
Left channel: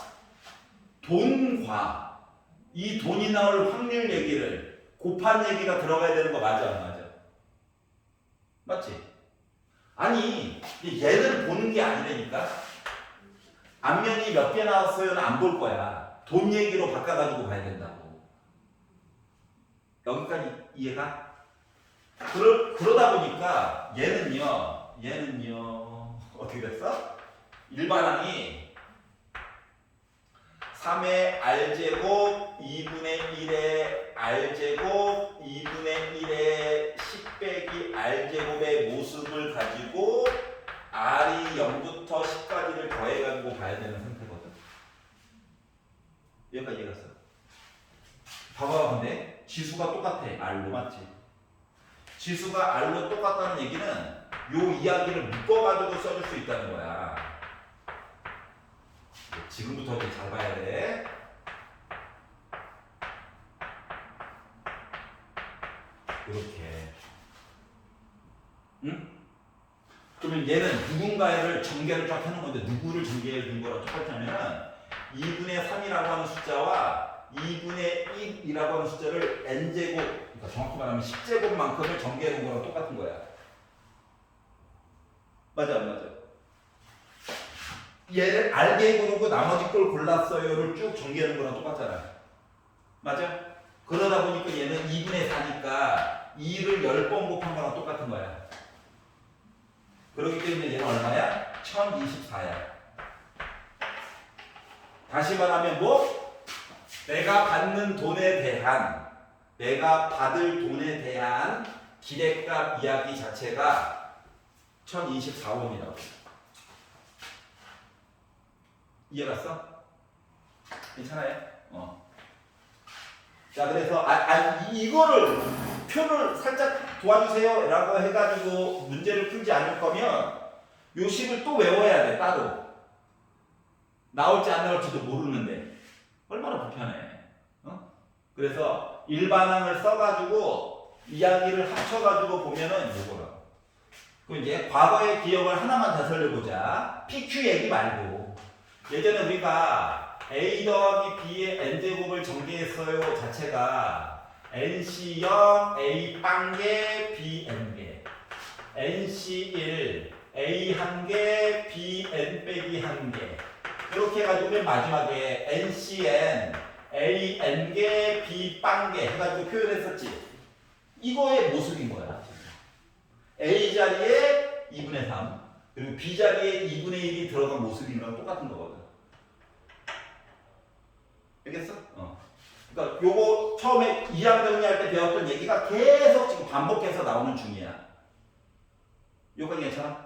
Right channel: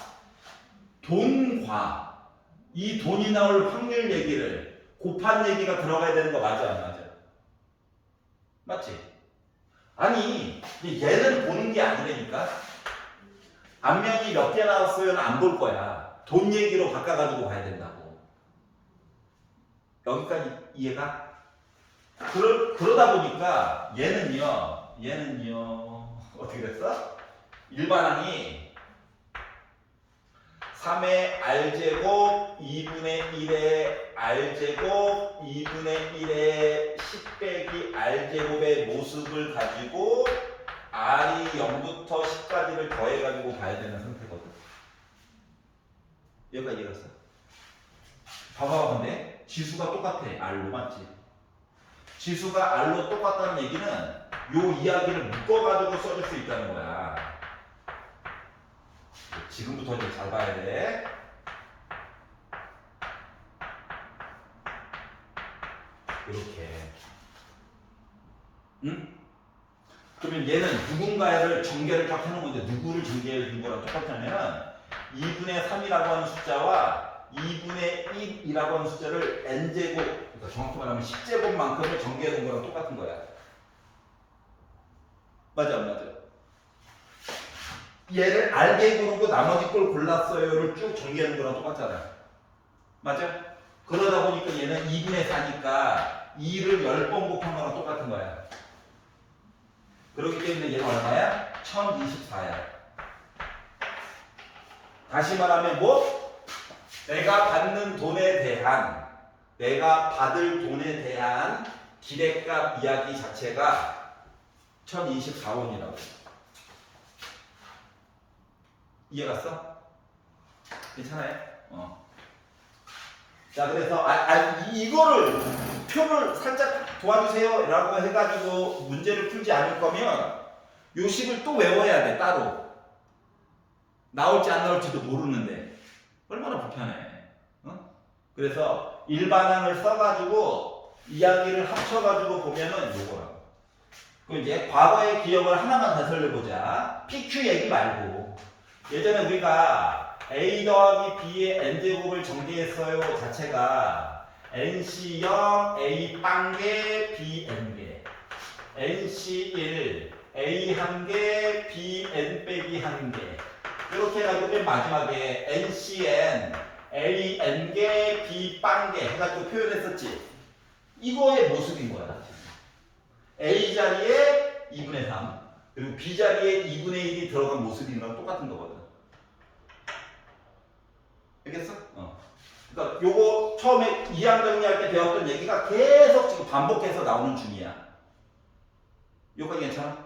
돈과 이 돈이 나올 확률 얘기를 곱한 얘기가 들어가야 되는 거 맞아 안 맞아? 맞지? 아니 얘는 보는 게 아니라니까. 앞면이 몇 개 나왔어요는 안 볼 거야. 돈 얘기로 바꿔가지고 봐야 된다고. 여기까지 이해가? 그러다 보니까 얘는요 어떻게 됐어? 일반항이 3의 R제곱 2분의 1의 R제곱 2분의 1의 10 빼기 R제곱의 모습을 가지고 R이 0부터 10까지를 더해가지고 봐야 되는 상태거든. 여기까지 이해갔어? 봐봐. 근데 지수가 똑같아. R로. 맞지? 지수가 R로 똑같다는 얘기는 요 이야기를 묶어가지고 써줄 수 있다는 거야. 지금부터 좀 잘 봐야 돼. 이렇게. 응? 그러면 얘는 누군가를 전개를 쫙 해놓은 건데 누구를 전개해 준 거랑 똑같냐면 2분의 3이라고 하는 숫자와 2분의 1이라고 하는 숫자를 n제곱, 그러니까 정확히 말하면 10제곱만큼을 전개해 놓은 거랑 똑같은 거야. 맞아, 안 맞아? 얘를 알게 고르고 나머지 걸 골랐어요를 쭉 전개해 놓은 거랑 똑같잖아요. 맞아? 그러다 보니까 얘는 2분의 4니까 2를 10번 곱한 거랑 똑같은 거야. 그렇기 때문에 얘는 얼마야? 1024야. 다시 말하면 뭐? 내가 받을 돈에 대한 기대값 이야기 자체가 1024원이라고. 이해갔어? 괜찮아요? 자, 그래서 이거를 표를 살짝 도와주세요 라고 해가지고 문제를 풀지 않을 거면 요 식을 또 외워야 돼. 따로 나올지 안 나올지도 모르는데 얼마나 불편해. 그래서 일반항을 써가지고 이야기를 합쳐가지고 보면은 요거라고. 그럼 이제 과거의 기억을 하나만 되살려보자. PQ 얘기 말고 예전에 우리가 A 더하기 B의 n제곱을 전개했어요 자체가 NC0 A 빵개 B n개 NC1 A 한개 B n 빼기 한개 이렇게 해가지고 마지막에 NCN A n개 B 빵개 해가지고 표현했었지. 이거의 모습인 거야. A 자리에 2분의 3 그리고 B 자리에 2분의 1이 들어간 모습인 거랑 똑같은 거거든. 알겠어? 그러니까 요거 처음에 이항 정리할 때 배웠던 얘기가 계속 지금 반복해서 나오는 중이야. 요거까지 괜찮아?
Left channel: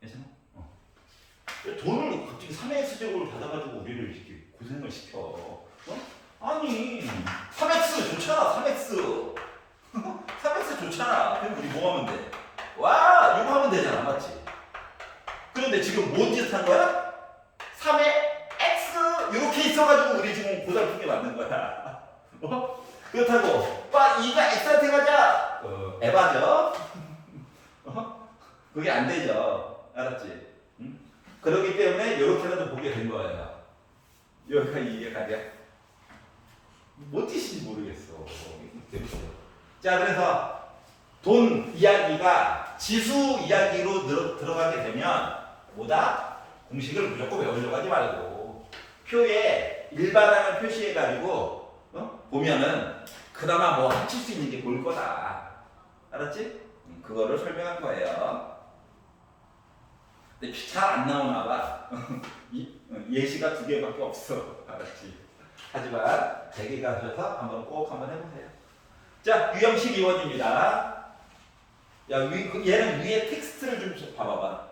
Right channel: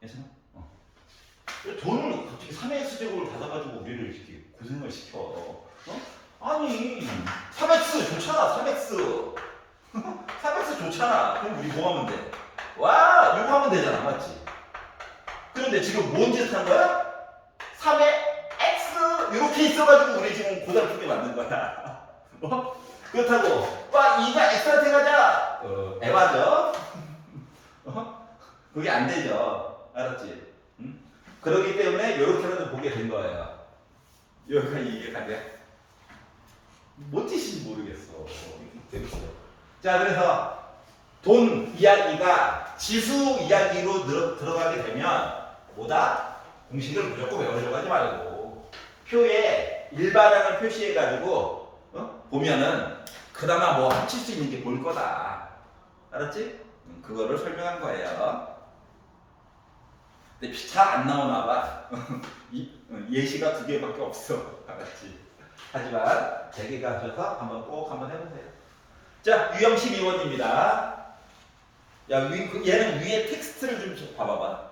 괜찮아? 돈을 갑자기 3x 제곱을 받아가지고 우리를 이렇게 고생을 시켜. 아니 3x 좋잖아. 3x 3x 좋잖아. 그럼 우리 뭐 하면 돼? 와 이거 하면 되잖아. 맞지? 그런데 지금 뭔 짓을 한 거야? 3의 x 이렇게 있어가지고 우리 지금 고달프게 만든 거야. 그렇다고 와 이거 x한테 가자. 에바죠? 그게 안 되죠. 알았지? 응? 그렇기 때문에 이렇게라도 보게 된 거예요. 여기까지 이게 가냐? 뭔 뜻인지 모르겠어. 자, 그래서 돈 이야기가 지수 이야기로 들어가게 되면 뭐다? 공식을 무조건 외우려고 하지 말고 표에 일반항을 표시해가지고 보면은 그나마 뭐 합칠 수 있는 게 볼 거다. 알았지? 그거를 설명한 거예요. 근데 잘 안 나오나 봐. 예시가 2개밖에 없어. 알았지? 하지만 3개 가셔서 꼭 한번 해보세요. 자, 유형식 이원입니다. 얘는 위에 텍스트를 좀 봐봐봐.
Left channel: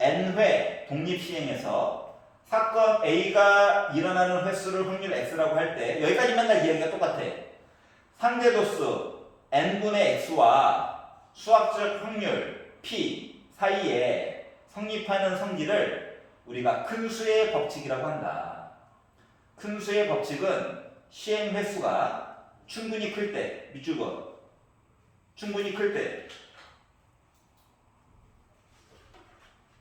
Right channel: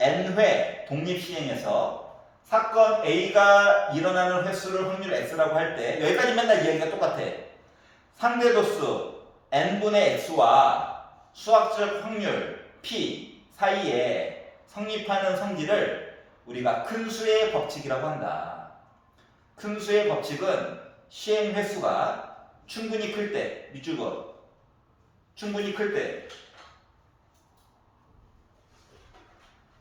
n회 독립시행에서 사건 A가 일어나는 횟수를 확률 X라고 할 때 여기까지 맨날 이야기가 똑같아. 상대도수 n분의 X와 수학적 확률 P 사이에 성립하는 성질을 우리가 큰 수의 법칙이라고 한다. 큰 수의 법칙은 시행 횟수가 충분히 클 때, 밑줄거 충분히 클 때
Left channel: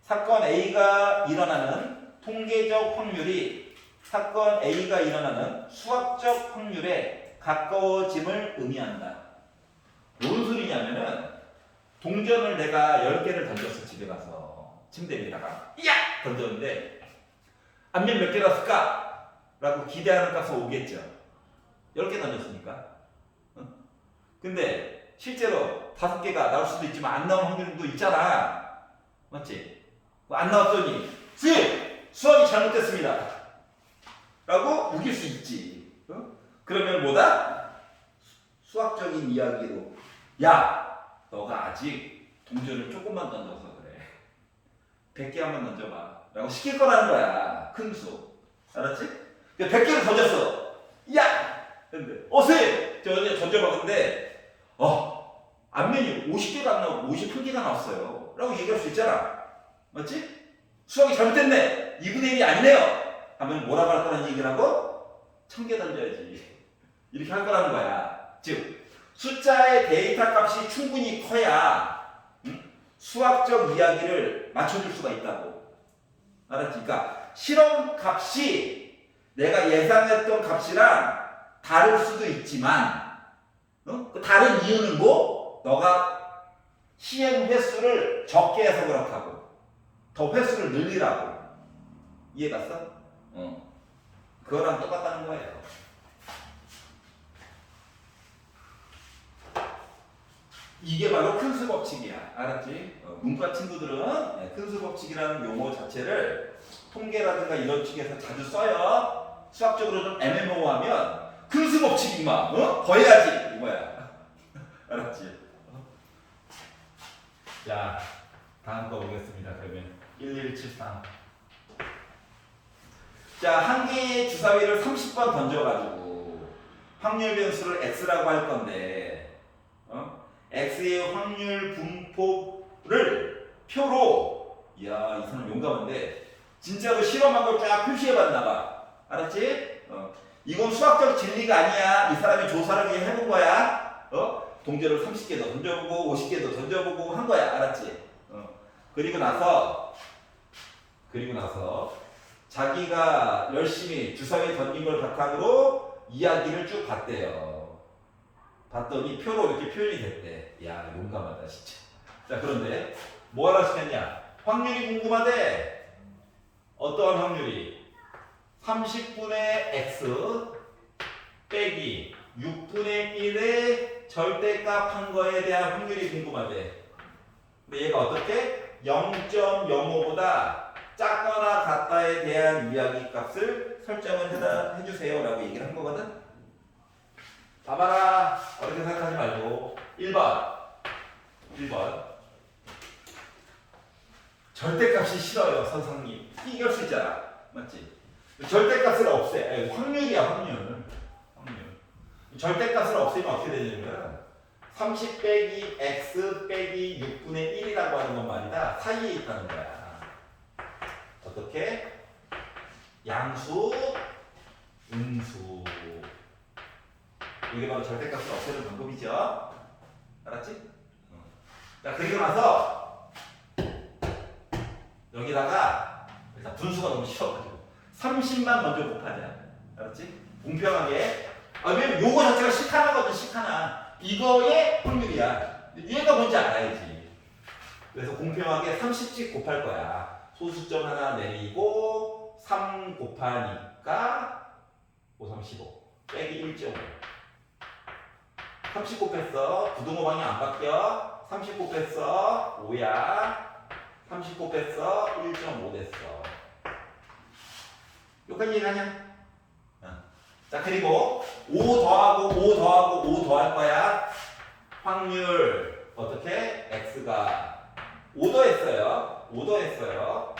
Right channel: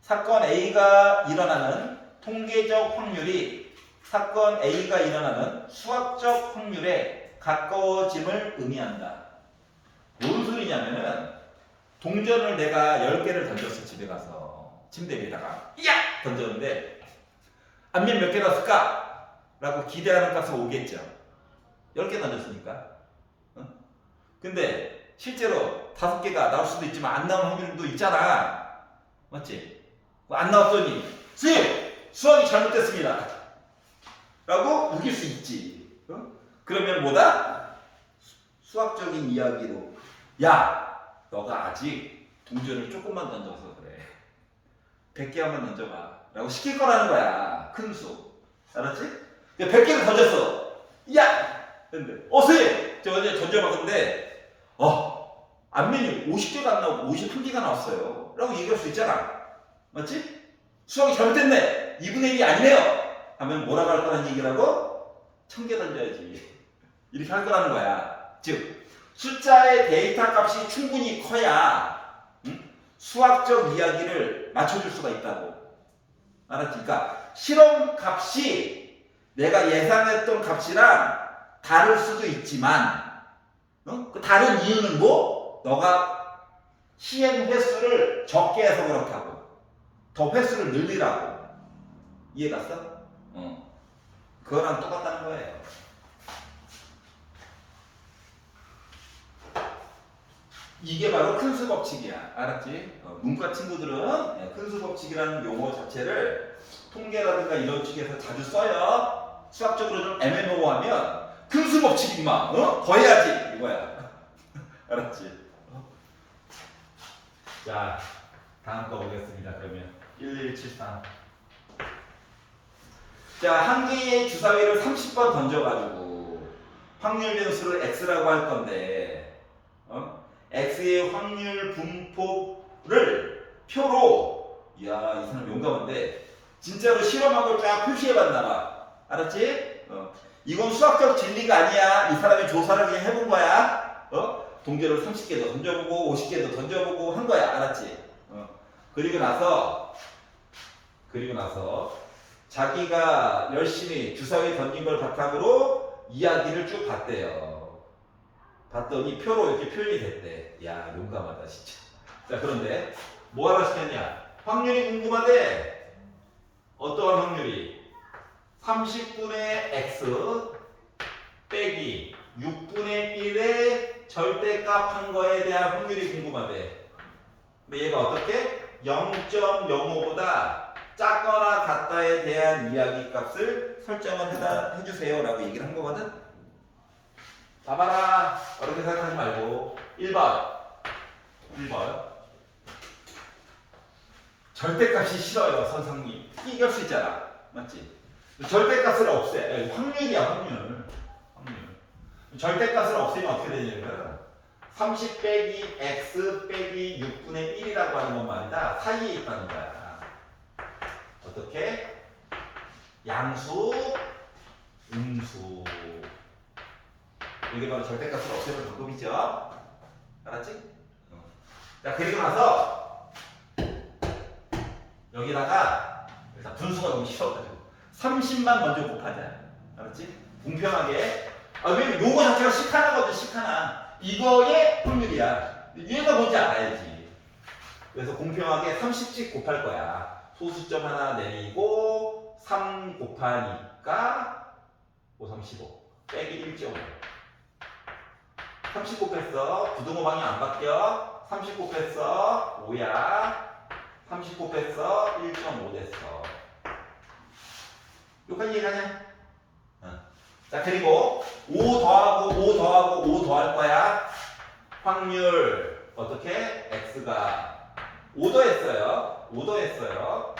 사건 A가 일어나는 통계적 확률이 사건 A가 일어나는 수학적 확률에 가까워짐을 의미한다. 뭔 소리냐면은 동전을 내가 10개를 던졌어. 집에 가서 침대 위에다가 야! 던졌는데 앞면 몇 개 났을까? 라고 기대하는 값은 오겠죠. 10개 던졌으니까. 근데 실제로 5개가 나올 수도 있지만 안 나올 확률도 있잖아. 맞지? 안 나왔더니 선생님! 수학이 잘못됐습니다. 라고 우길 수 있지. 그러면 뭐다? 수학적인 이야기로 야! 너가 아직 동전을 조금만 던져서 그래. 100개 한번 던져봐. 라고 시킬 거라는 거야. 큰 수. 알았지? 100개를 던졌어. 야! 근데 선생님! 저 어제 던져봤는데 앞면이 50개가 안 나오고 51개가 나왔어요. 라고 얘기할 수 있잖아. 맞지? 수학이 잘못됐네. 2분의 1이 아니네요. 하면 뭐라고 할 거라는 얘기라고? 1000개 던져야지. 이렇게 할 거라는 거야. 즉 숫자의 데이터 값이 충분히 커야 수학적 이야기를 맞춰줄 수가 있다고. 알았지? 그러니까 실험 값이 내가 예상했던 값이랑 다를 수도 있지만 그 다른 이유는 뭐? 너가 시행 횟수를 적게 해서 그렇다고. 더 횟수를 늘리라고. 이해갔어? 그거랑 똑같다는 거예요. 이게 바로 큰수 법칙이야. 알았지? 문과 친구들은 큰수 법칙이라는 용어 자체를 통계라든가 이런 쪽에서 자주 써요. 수학적으로 좀 애매모호하면 큰수 법칙 임마. 더해야지 이거야. 알았지? 자, 다음 거 보겠습니다. 그러면 1173. 자, 한 개의 주사위를 30번 던져가지고 확률 변수를 x라고 할 건데 x의 확률 분포를 표로, 이야 이 사람 용감한데 진짜로 실험하고 쫙 표시해봤나 봐. 알았지? 이건 수학적 진리가 아니야. 이 사람이 조사를 그냥 해본 거야. 동전을 30개도 던져보고 50개도 던져보고 한 거야. 알았지? 그리고 나서 자기가 열심히 주사위 던진 걸 바탕으로 이야기를 쭉 봤대요. 봤더니 표로 이렇게 표현이 됐대. 야 용감하다 진짜. 자 그런데 뭐 하라 시켰냐? 확률이 궁금한데 어떠한 확률이? 30분의 x 빼기 6분의 1의 절대값 한 거에 대한 확률이 궁금하대. 근데 얘가 어떻게? 0.05보다 작거나 같다에 대한 이야기 값을 설정을 해주세요 라고 얘기를 한 거거든. 봐봐라. 어렵게 생각하지 말고 1번 절대값이 싫어요 선생님. 이길 수 있잖아. 맞지? 절대값을 없애. 확률이야 확률. 절대값을 없애면 어떻게 되냐면 30 빼기 x 빼기 6분의 1이라고 하는 건 말이다. 사이에 있다는 거야. 어떻게? 양수, 음수. 이게 바로 절대값을 없애는 방법이죠. 알았지? 자, 그리고 나서 여기다가 일단 분수가 너무 싫어가지고 30만 먼저 곱하자. 알았지? 공평하게. 왜 요거 자체가 시카나거든. 시카나. 이거의 확률이야. 얘가 뭔지 알아야지. 그래서 공평하게 30씩 곱할 거야. 소수점 하나 내리고 3 곱하니까 5, 3, 15 빼기 1.5. 30 곱했어. 부등호 방향 안 바뀌어. 30 곱했어. 5야. 30 곱했어. 1.5 됐어. 여기까지 이해가냐? 자 그리고 5 더하고 5 더하고 5 더할 거야. 확률 어떻게? x가 5 더했어요. 5 더했어요.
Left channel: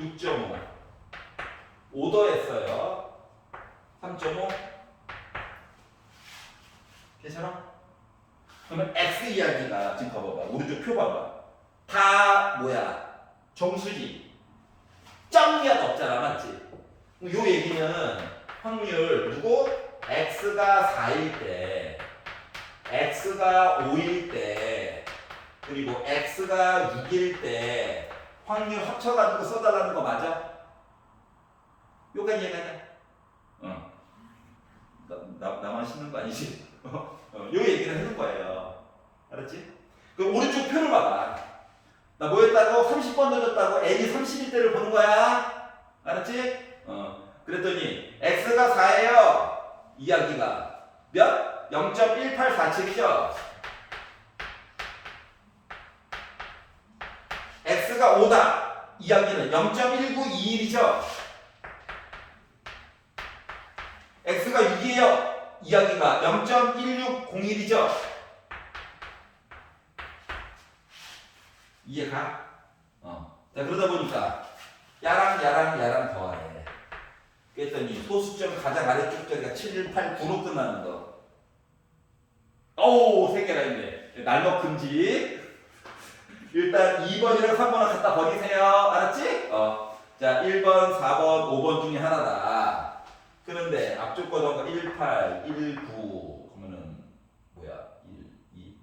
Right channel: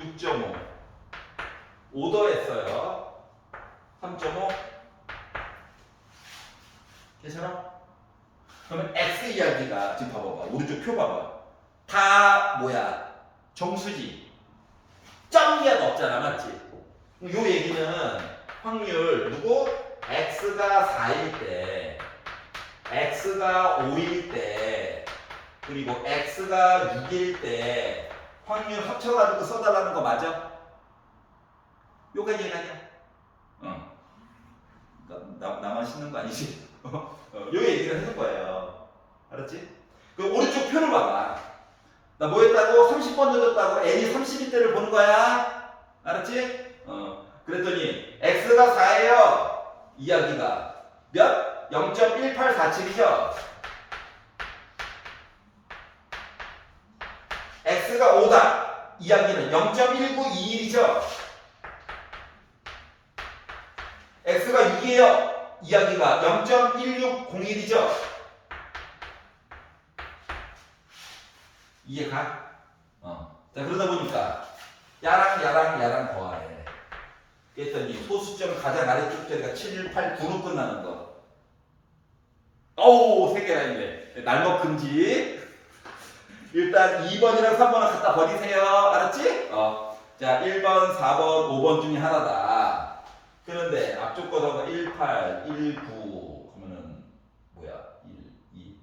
6.5 5 더했어요. 3.5 괜찮아? 그러면 x 이야기가 지금 봐봐봐. 오른쪽 표 봐봐. 다 뭐야? 정수지. 점이가 없잖아. 맞지? 요 얘기는 확률 누구? x가 4일 때, x가 5일 때, 그리고 x가 6일 때 확률 합쳐가지고 써달라는 거 맞아? 요가 이해가냐? 나만 씻는 거 아니지? 요 얘기를 해줄 거예요. 알았지? 그 오른쪽 표를 봐봐. 나 뭐 했다고? 30번 넣었다고 n이 30일 때를 보는 거야. 알았지? 그랬더니 x가 4예요. 이야기가 몇? 0.1847이죠. x가 5다. 이야기는 0.1921이죠. x가 6이에요. 이야기가 0.1601이죠. 이해가? 자 그러다 보니까 야랑 더하래. 그랬더니 소수점 가장 아래쪽 자리가 7, 1, 8, 9로 끝나는 거. 어우 3개나 있네. 날먹 금지. 일단 2번이랑 3번을 갖다 버리세요. 알았지? 자 1번, 4번, 5번 중에 하나다. 그런데 앞쪽 거다가 18, 19 하면은 뭐야? 1, 2,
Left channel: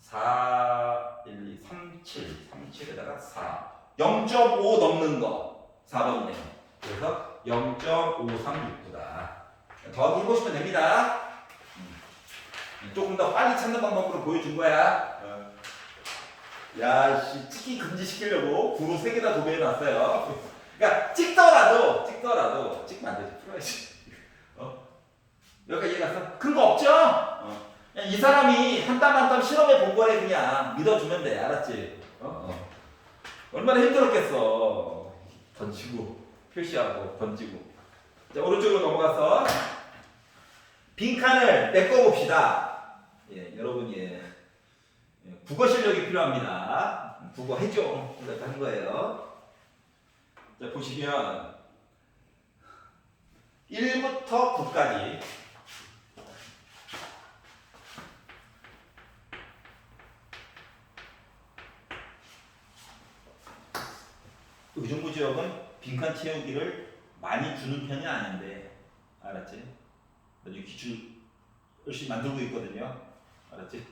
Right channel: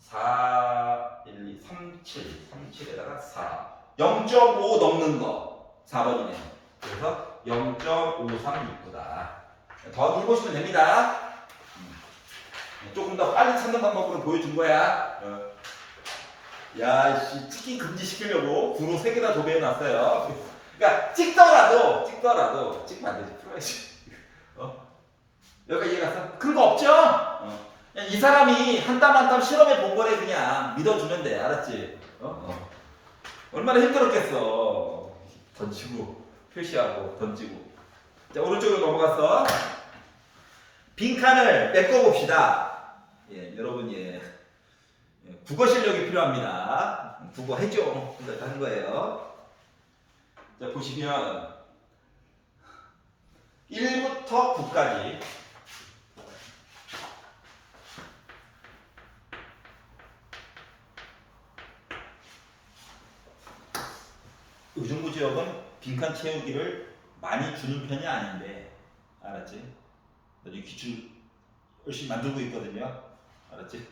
4, 1, 2, 3, 7, 37에다가 4. 0.5 넘는 거 4번이네요. 그래서 0.536구다. 더하기 해보시면 됩니다. 조금 더 빨리 찾는 방법으로 보여준 거야. 야, 씨, 찍기 금지시키려고 구로 3개나 도배해놨어요. 그러니까 찍더라도 찍으면 안 되지. 풀어야지. 여기까지 이해갔어? 그런 거 없죠? 그냥 이 사람이 한 땀 한 땀 실험해 본 거래. 그냥 믿어주면 돼. 알았지? 얼마나 힘들었겠어. 던지고 표시하고 던지고. 자, 오른쪽으로 넘어갔어. 빈칸을 메꿔봅시다. 예, 여러분, 국어 실력이 필요합니다. 국어 해줘. 이거 하는 거예요. 자, 보시면 1부터 9까지 의정부 지역은 빈칸 채우기를 많이 주는 편이 아닌데, 알았지? 나중에 기출 열심히 만들고 있거든요. 알았지?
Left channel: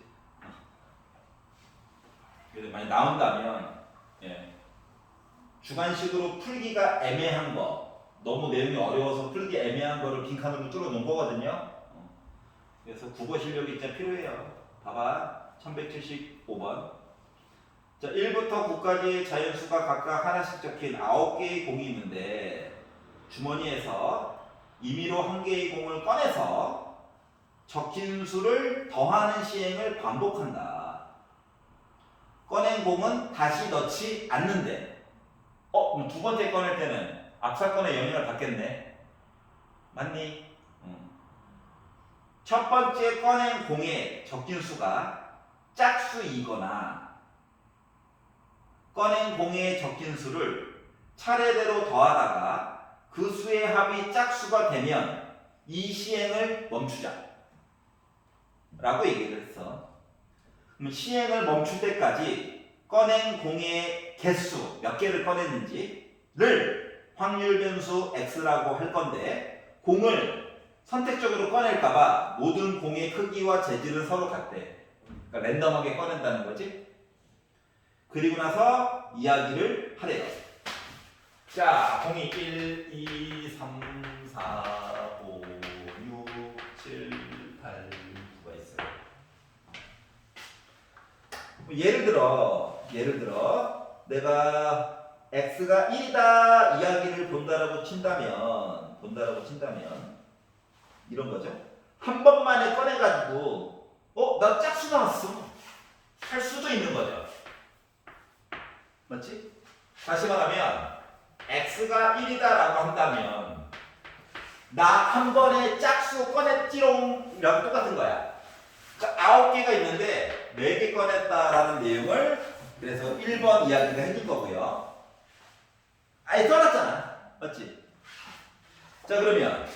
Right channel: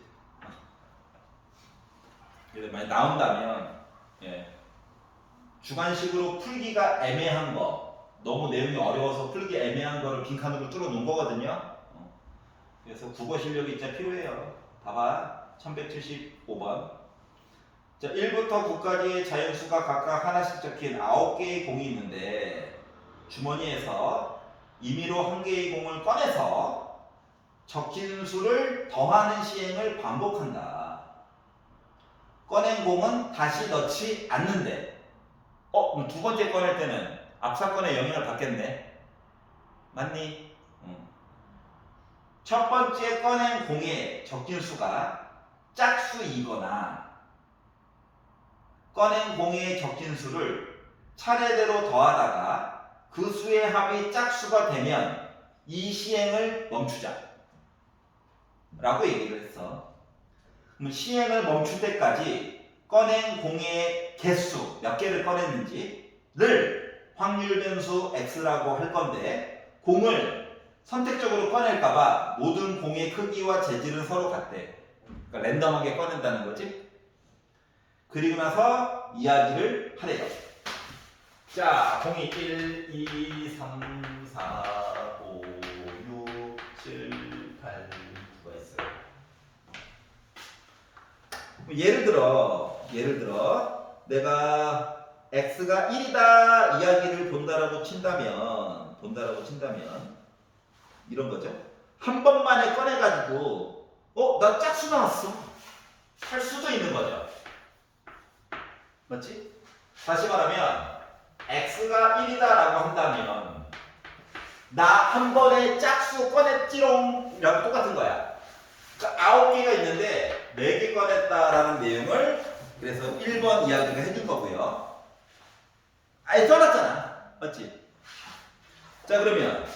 그래서 만약 나온다면, 주관식으로 풀기가 애매한 거, 너무 내용이 어려워서 풀기 애매한 거를 빈칸으로 뚫어 놓은 거거든요. 그래서 국어 실력이 진짜 필요해요. 봐봐. 1175번. 자, 1부터 9까지 자연수가 각각 하나씩 적힌 9개의 공이 있는데, 주머니에서 임의로 1개의 공을 꺼내서 적힌 수를 더하는 시행을 반복한다. 꺼낸 공은 다시 넣지 않는데, 그럼 두 번째 꺼낼 때는 앞사건의 영향을 받겠네. 맞니? 첫 번째 꺼낸 공에 적힌 수가 짝수이거나 꺼낸 공에 적힌 수를 차례대로 더하다가 그 수의 합이 짝수가 되면 이 시행을 멈추자 라고 얘기를 했어. 그럼 시행을 멈출 때까지 꺼낸 공의 개수, 몇 개를 꺼냈는지를 확률 변수 x라고 할 건데, 공을 선택적으로 꺼낼까봐 모든 공의 크기와 재질은 서로 같대. 그러니까 랜덤하게 꺼낸다는 거지. 그리고 나서 이야기를 하래요. 자, 공이 1, 2, 3, 4, 5, 6, 7, 8, 9가 있어요. 예를 들어 내가 x가 1이다 이야기를 본다라고 친다면 이런 거죠. 한 번만에 꺼내가지고 나 짝수 나왔어 할 수도 있는 거죠. 맞지? 다시 말하면 x가 1이다라고 한다면 나 한 번에 짝수 꺼냈지롱 이랑 똑같은 거야. 자, 9개가 있는데 4개 꺼냈다라는 내용을 그래서 1번 이야기가 해줄 거고요. 아예 써놨잖아. 맞지? 자, 그러면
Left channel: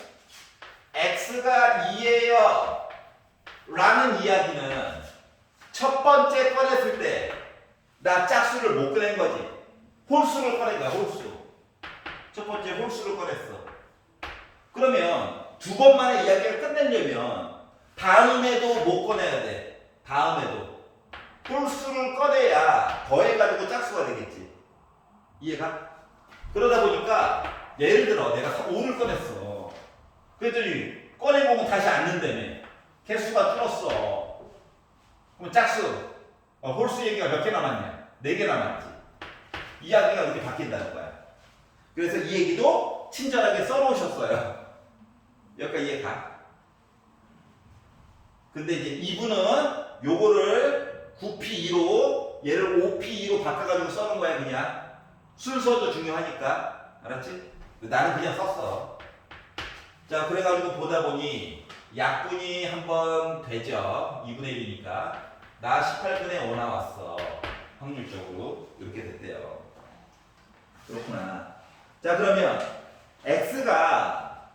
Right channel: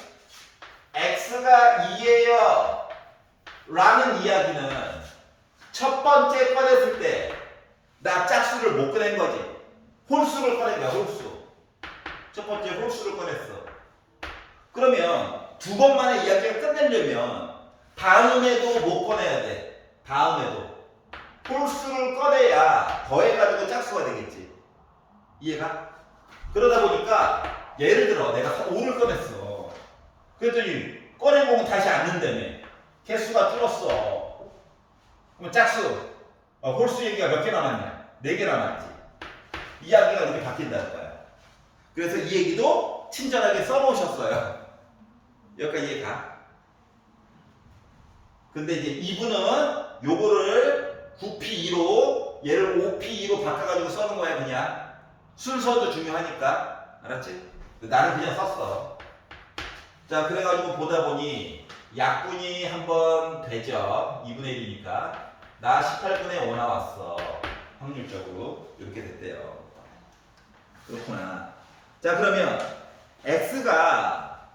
x가 2예요 라는 이야기는 첫 번째 꺼냈을 때 나 짝수를 못 꺼낸 거지. 홀수를 꺼낸 거야. 홀수. 첫 번째 홀수를 꺼냈어. 그러면 두 번만에 이야기가 끝내려면 다음에도 못 꺼내야 돼. 다음에도 홀수를 꺼내야 더해가지고 짝수가 되겠지. 이해가? 그러다 보니까 예를 들어 내가 5를 꺼냈어. 그랬더니 꺼낸 공은 다시 안 넣는다며. 개수가 줄었어. 그럼 짝수 홀수 얘기가 몇 개 남았냐? 4개 남았지. 이야기가 이렇게 바뀐다는 거야. 그래서 이 얘기도 친절하게 써놓으셨어요. 여기까지 이해가? 근데 이제 이분은 요거를 9P2로 얘를 5P2로 바꿔가지고 써는 거야. 그냥 순서도 중요하니까. 알았지? 나는 그냥 썼어. 자, 그래가지고 보다 보니 약분이 한번 되죠. 2분의 1이니까 나 18분의 5 나왔어. 확률적으로 이렇게 됐대요. 그렇구나. 자, 그러면 x가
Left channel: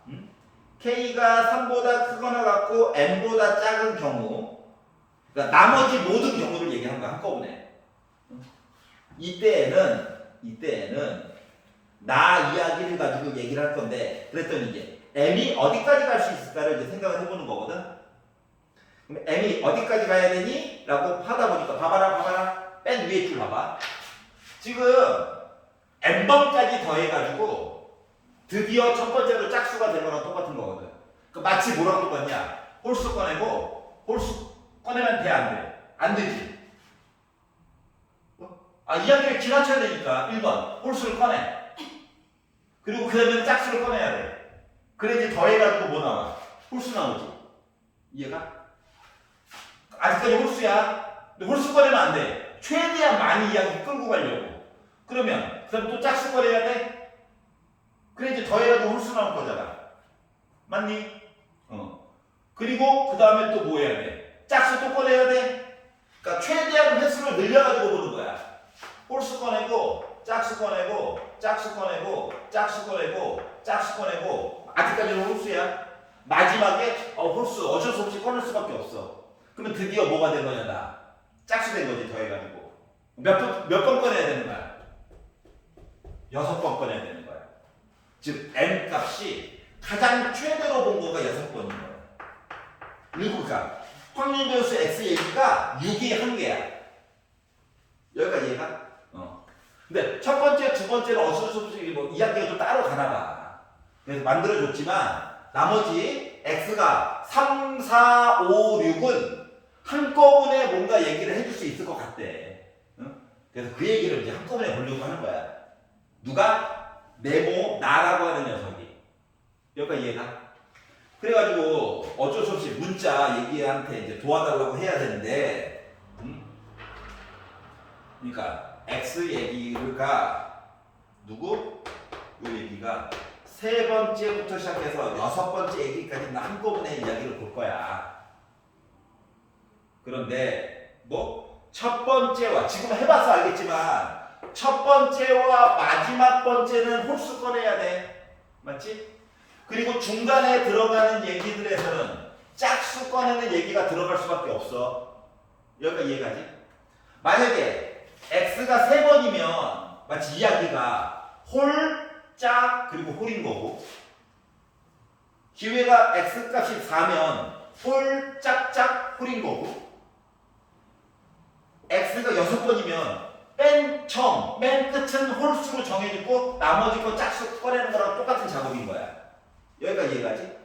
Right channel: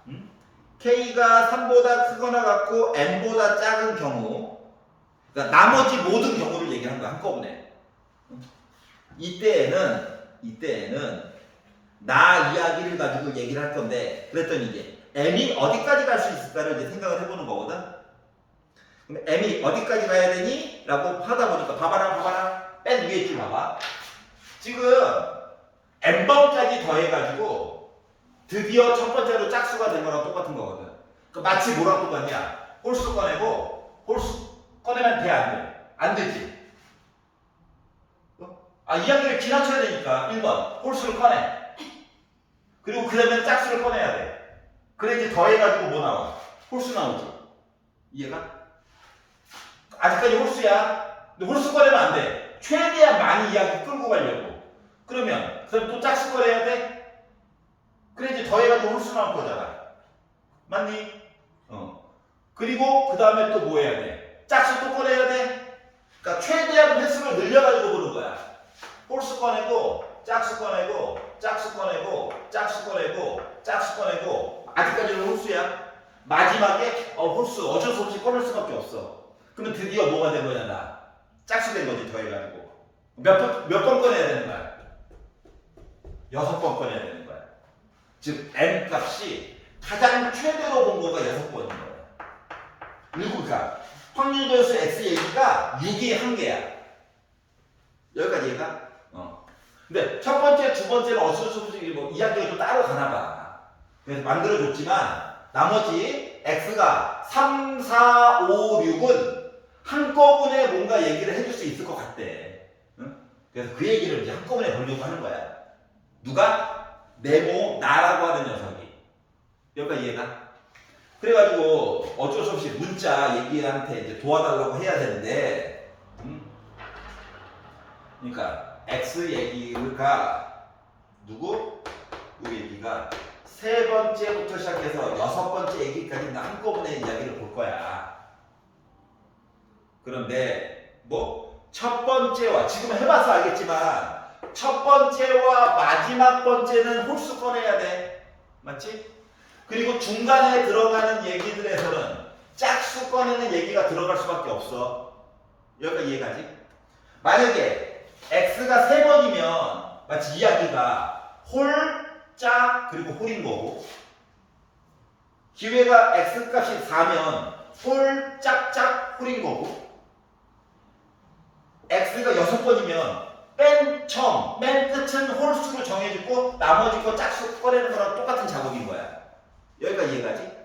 k가 3보다 크거나 같고 n보다 작은 경우, 그러니까 나머지 모든 경우를 얘기한 거야. 한꺼번에. 이때에는 나 이야기를 가지고 얘기를 할 건데, 그랬더니 이제 m이 어디까지 갈 수 있을까를 이제 생각을 해보는 거거든. 그럼 m이 어디까지 가야 되니? 라고 하다 보니까 봐봐라. 맨 위에 줄 봐봐. 지금 n번까지 더해가지고 드디어 첫 번째로 짝수가 된 거랑 똑같은 거거든. 마치 뭐랑 똑같냐? 홀수 꺼내고 홀수 꺼내면 돼, 안 돼? 안 되지. 이야기를 지나쳐야 되니까 1번 홀수를 꺼내. 그리고 그 다음에 짝수를 꺼내야 돼. 그래 이제 더해가지고 뭐 나와? 홀수 나오지. 이해가? 아직까지 홀수야. 근데 홀수 꺼내면 안 돼. 최대한 많이 이야기 끌고 가려고. 그러면 그 다음에 또 짝수 꺼내야 돼. 그래 이제 더해가지고 홀수 나올 거잖아. 맞니? 그리고 그 다음에 또 뭐 해야 돼? 짝수 또 꺼내야 돼. 그러니까 최대한 횟수를 늘려가지고 보는 거야. 홀수 꺼내고 짝수 꺼내고 짝수 꺼내고 짝수 꺼내고 짝수 꺼내고 아직까지는 홀수야. 마지막에 홀수 어쩔 수 없이 꺼낼 수밖에 없어. 그러면 드디어 뭐가 된 거냐? 나 짝수 된 거지. 더해가지고 몇 번 꺼내야 되는 거야? 6번 꺼내야 되는 거야. 즉 n 값이 가장 최대로 본 거가 6번인 거야. 그러니까 확률배수 x 얘기가 6이 한 개야. 여기까지 이해가? 근데 첫 번째, 두 번째는 어쩔 수 없이 뭐 이야기가 좀 따로 가나 봐. 그래서 만들어줬지만 나머지 x가 3, 4, 5, 6은 한꺼번에 뭔가 얘기를 해줄 수 있을 것 같대. 응? 그래서 그 얘기를 이제 한꺼번에 보려고 하는 거야. 누가? 네모, 나라고 하는 녀석이. 여기까지 이해가? 그래가지고 어쩔 수 없이 문자 얘기한테 이제 도와달라고 해야 되는데, 그러니까 x 얘기가 누구? 이 얘기가 세 번째부터 시작해서 6번째 얘기까지 한꺼번에 이야기를 볼 거야. 그런데 뭐 첫 번째와 지금 해봐서 알겠지만 첫 번째와 마지막 번째는 홀수 꺼내야 돼. 맞지? 그리고 중간에 들어가는 얘기들에서는 짝수 꺼내는 얘기가 들어갈 수밖에 없어. 여기까지 이해가지? 만약에 x가 3번이면 마치 이야기가 홀, 짝, 그리고 홀인 거고, 기회가 x값이 4면 홀, 짝, 짝, 홀인 거고, x가 6번이면 맨 처음, 맨 끝은 홀수로 정해주고 나머지 거 짝수 꺼내는 거랑 똑같은 작업인 거야. 여기까지 이해가지?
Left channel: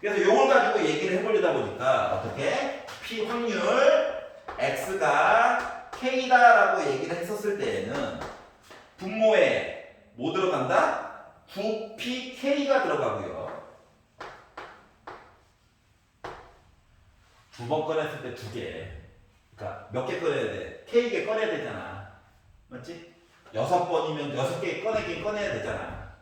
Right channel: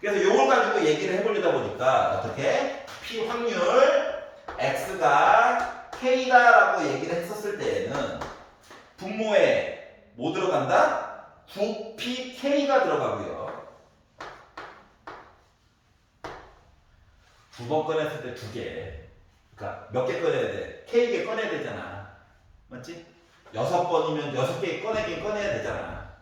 그래서 이걸 가지고 얘기를 해보려다 보니까 어떻게? p 확률 x가 k다라고 얘기를 했었을 때에는 분모에 뭐 들어간다? 9pk가 들어가고요. 두 번 꺼냈을 때 2개. 그러니까 몇 개 꺼내야 돼? k개 꺼내야 되잖아. 맞지? 6번이면 6개 꺼내야 되잖아.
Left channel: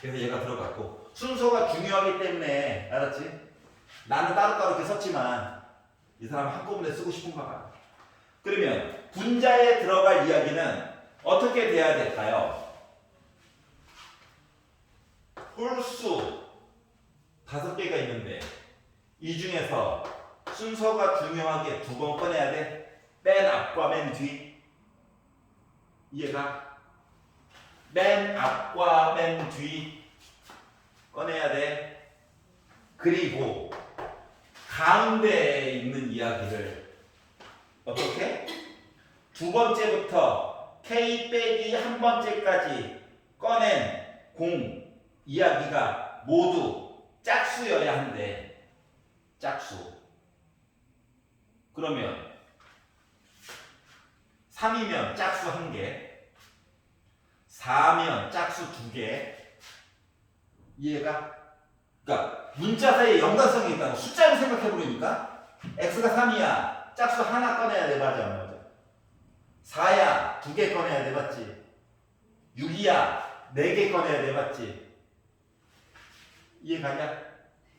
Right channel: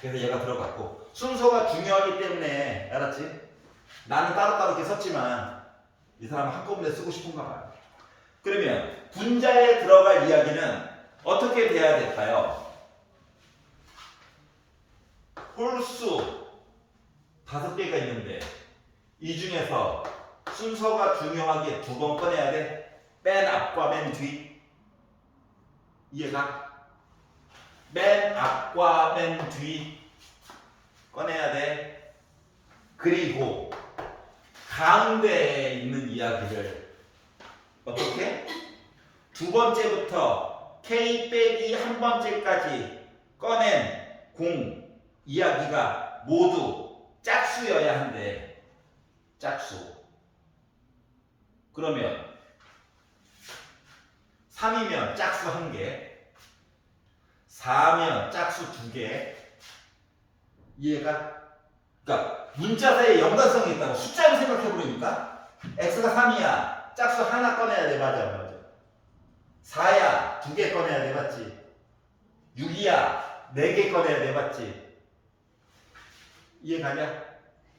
그래서 얘가 들어갔고 순서가 중요하기 때문에 알았지? 나는 따로따로 이렇게 썼지만 이 사람은 한꺼번에 쓰고 싶은가 봐. 그러면 분자에 들어갈 이야기는 어떻게 돼야 될까요? 홀수 5개가 있는데 이 중에서 순서가 중요하게 2번 꺼내야 돼. 맨 앞과 맨 뒤. 이해가? 맨 앞과 맨 뒤 꺼내야 돼. 그리고 가운데에 있는 이야기를 어떻게? 2번째부터 k 빼기 1번째까지 꺼낸 공 이야기가 모두 짝수여야 한대. 짝수. 그러면 3이면 짝수 1개, 4면 짝수 2개. 이해가? 그러니까 문자 사이에 연관성이 있다고 숫자로 생각해보니까 x가 3이야. 짝수 하나 꺼내야 돼. 맞아. 4야. 2개 꺼내야 돼. 맞지? 6이야. 4개 꺼내야 돼. 맞지? 이해가냐?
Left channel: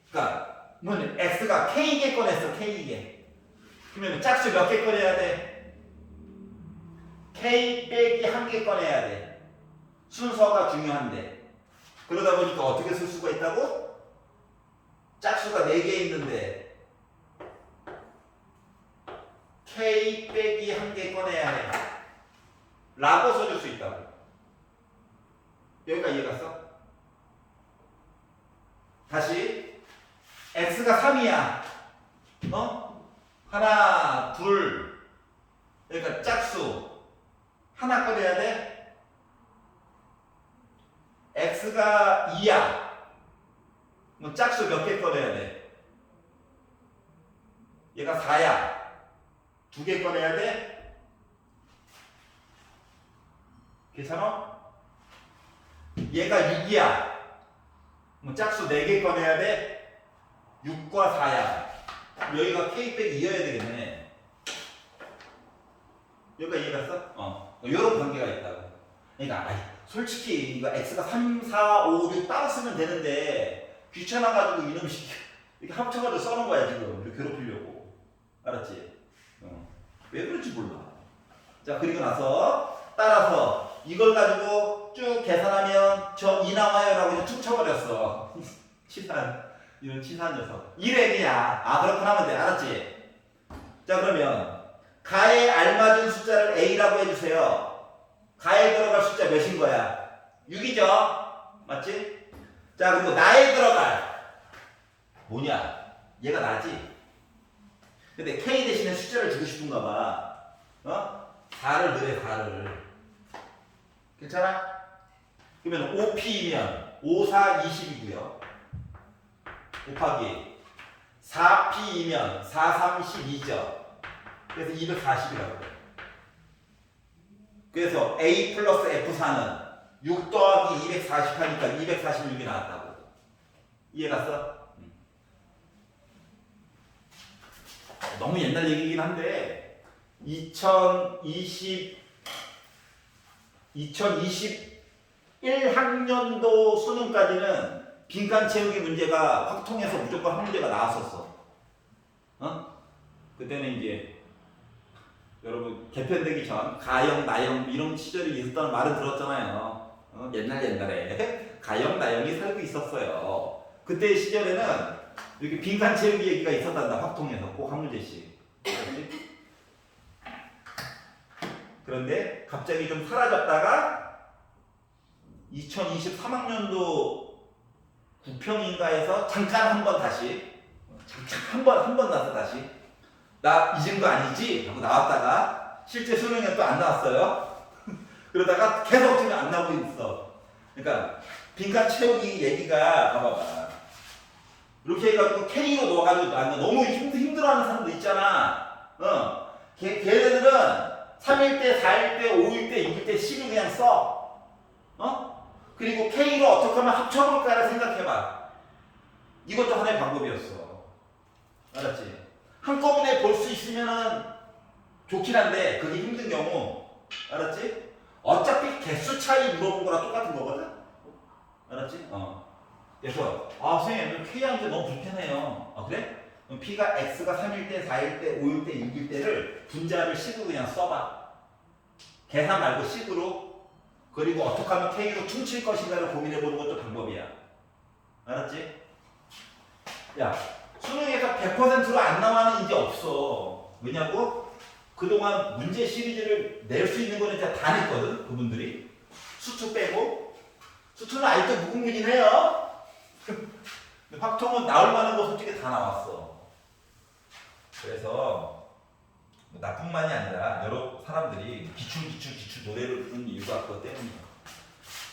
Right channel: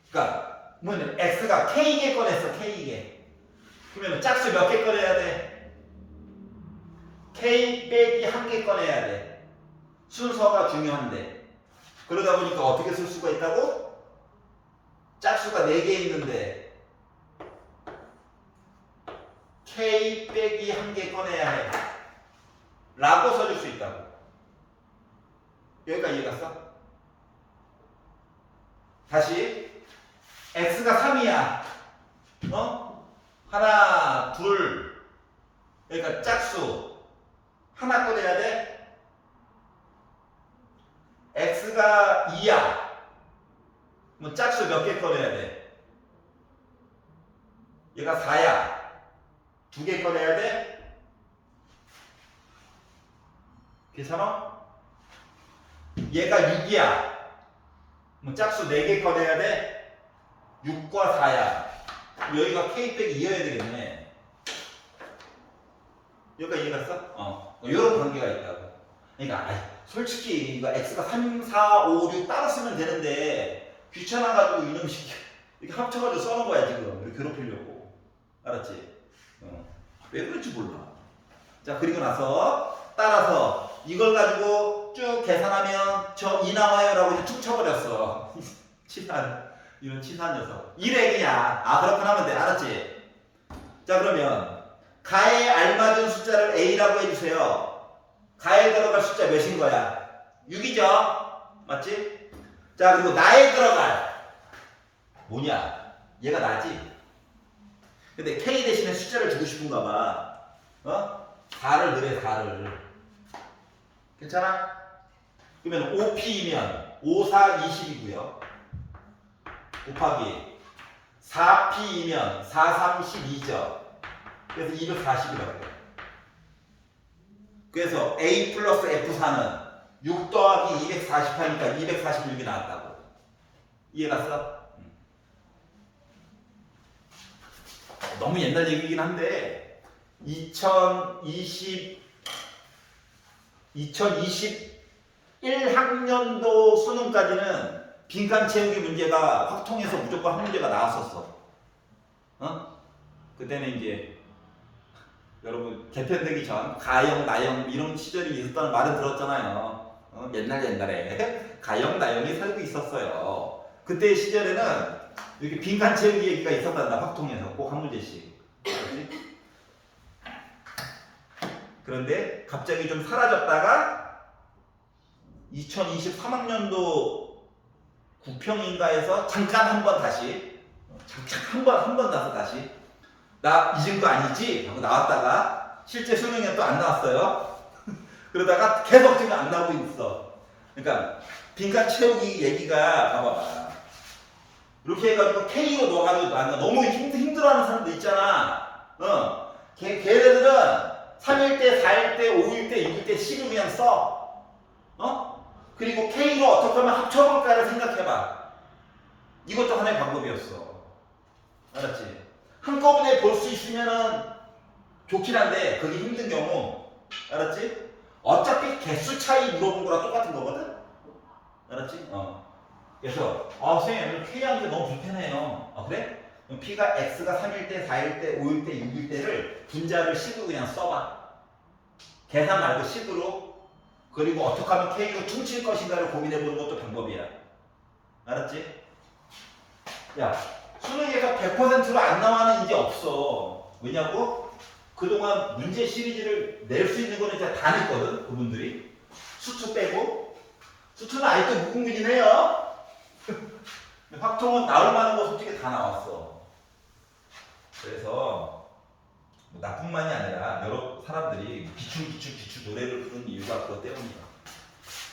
그러니까 뭐냐면 x가 k개 꺼냈어. k개. 그러면 짝수 몇 개 꺼내야 돼? k 빼기 1개 꺼내야 돼. 순서가 중요한데. 그러다 보니까 어떻게 쓸 수가 있다고? 짝수가 4개 있는데 k 빼기 1개 꺼내야 해. 라고 써줄 수 있다고. 여기가 이해갔어? 다시 x가 3이야. 하나, 둘. 그러니까 짝수 하나 꺼내야 돼. x가 2야. 뭐 짝수 몇 개 꺼내야 돼? 얘가 4야. 2개 꺼내야 돼? 괜찮아? 얘가 6이야. 뭐 짝수 4개 꺼내야 돼? 6과 4야. 여기가 k 빼기 2여야 되겠네. 여기가 이해가 갔어? 이런 관계가 있다고. 그러니까 솔직히 이거 x가 3, 4, 5, 6 따로 쓰면 되는데 귀찮아가지고 이놈식 이렇게 합쳐가지고 써놓은 거야 지금. 이렇게 괴롭히려고. 알았지? 왜 그런지 몰라. 자, 그리고 나서 따라서 이걸 가지고 쭉 계산하면 저 2 나와요라고 이제 툭 쳐버렸어. 치산. 이런 치산 녀석. 1N이야. 그렇구나 하면 돼. 알았지? 자, 그러면 가에 알맞은 숫자를 A라고 해주세요. 가에 들어갈 숫자 몇인 거야? 6이죠? 맞지? 자, 그리고 나에 들어갈 뭐냐? 얘가 나지? 근데 K 대신에 숫자를 주고 싶은가 봐. 4를 넣으래, 4를. 괜찮아? 그러면 5P이면 5, 4, 20이고요. 곱하기 4P이면 4, 3, 12죠. 그래서 240이라고 그래. 그래서 A 플러스 F4는 6 더하기 240 하니까 246이 나왔다고. 이해갔어? 너무 옛날 얘기긴 한데 2021학년도 수능까지는 빈칸 채우기 문제가 확통해서 무조건 한 문제가 나왔었어. 그때는 이제 여러분 개편되기 전 가영, 나영 이런 시절이 있었다는 말은 들었잖아요. 옛날에 가영, 나영이 살고 있었어요. 그때 시절에는 이렇게 빈칸 채우기 얘기가 있었단다. 확통해서 꼭 한 문제씩. 그렇지? 그런데 갑자기 좀 사라졌다가 2023학년도 9평인가에서 잠깐 한 번 다시 한 번 나서 다시 나 잊은 거 아니지? 하고 나왔다가 실제 수능에 또 안 나왔어요. 그러다가 계속 지금 안 나오고 있어. 그러니까 빈칸 채우기 얘기가 봐봐. 이렇게 해가지고 K로 넣어가지고 너무 힘들어하는 사람도 있잖아. 걔네들은 3일 때, 4일 때, 5일 때, 6일 때, 10일 그냥 써. 그리고 K로 어떻게 하면 합쳐볼까를 생각해봐. 이것도 하나의 방법이었어. 알았지? 한꺼번에 볼 수 있으면은 좋긴 한데 그게 힘든 경우. 알았지? 어차피 개수 차이 물어본 거랑 똑같은 거거든? 알았지? 그래서 선생님 오늘 K하는 게 너무 불편해요. 그래? 그럼 P가 X가 3일 때, 4일 때, 5일 때, 6일 때를 분자를 식으로 그냥 써봐. 계산 말고 식으로. 그리고 어떻게 하면 K로 퉁칠 것인가를 고민해보는 것도 방법이야. 알았지? 야, 수능에서 100%로 안 나와는 이제 없어. 왜냐고? 그동안 문제 시리즈를 낼 수 있는 거는 이제 다 냈거든, 그분들이. 수투 빼고. 수투는 아직도 무궁무진 해요. 확통은 나올 만한 거 솔직히 다 나왔어. 그래서 뭐 나뿐만이 아니라 여러 사람들이 기출 노래를 부르는 이유가 그것 때문이야.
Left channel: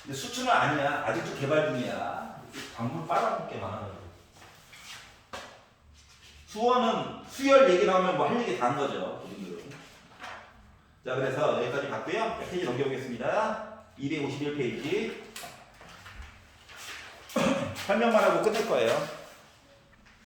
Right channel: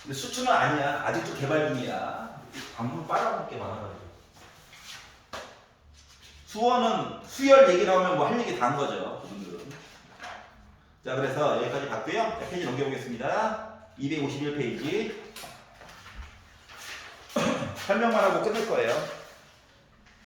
근데 수투는 아니야. 아직도 개발 중이야. 광물 빨아먹을 게 많아가지고. 수어는 수열 얘기 나오면 뭐 할 얘기 다 한 거죠. 그분들은. 자, 그래서 여기까지 봤고요. 페이지 넘겨보겠습니다. 251페이지. 설명만 하고 끝낼 거예요.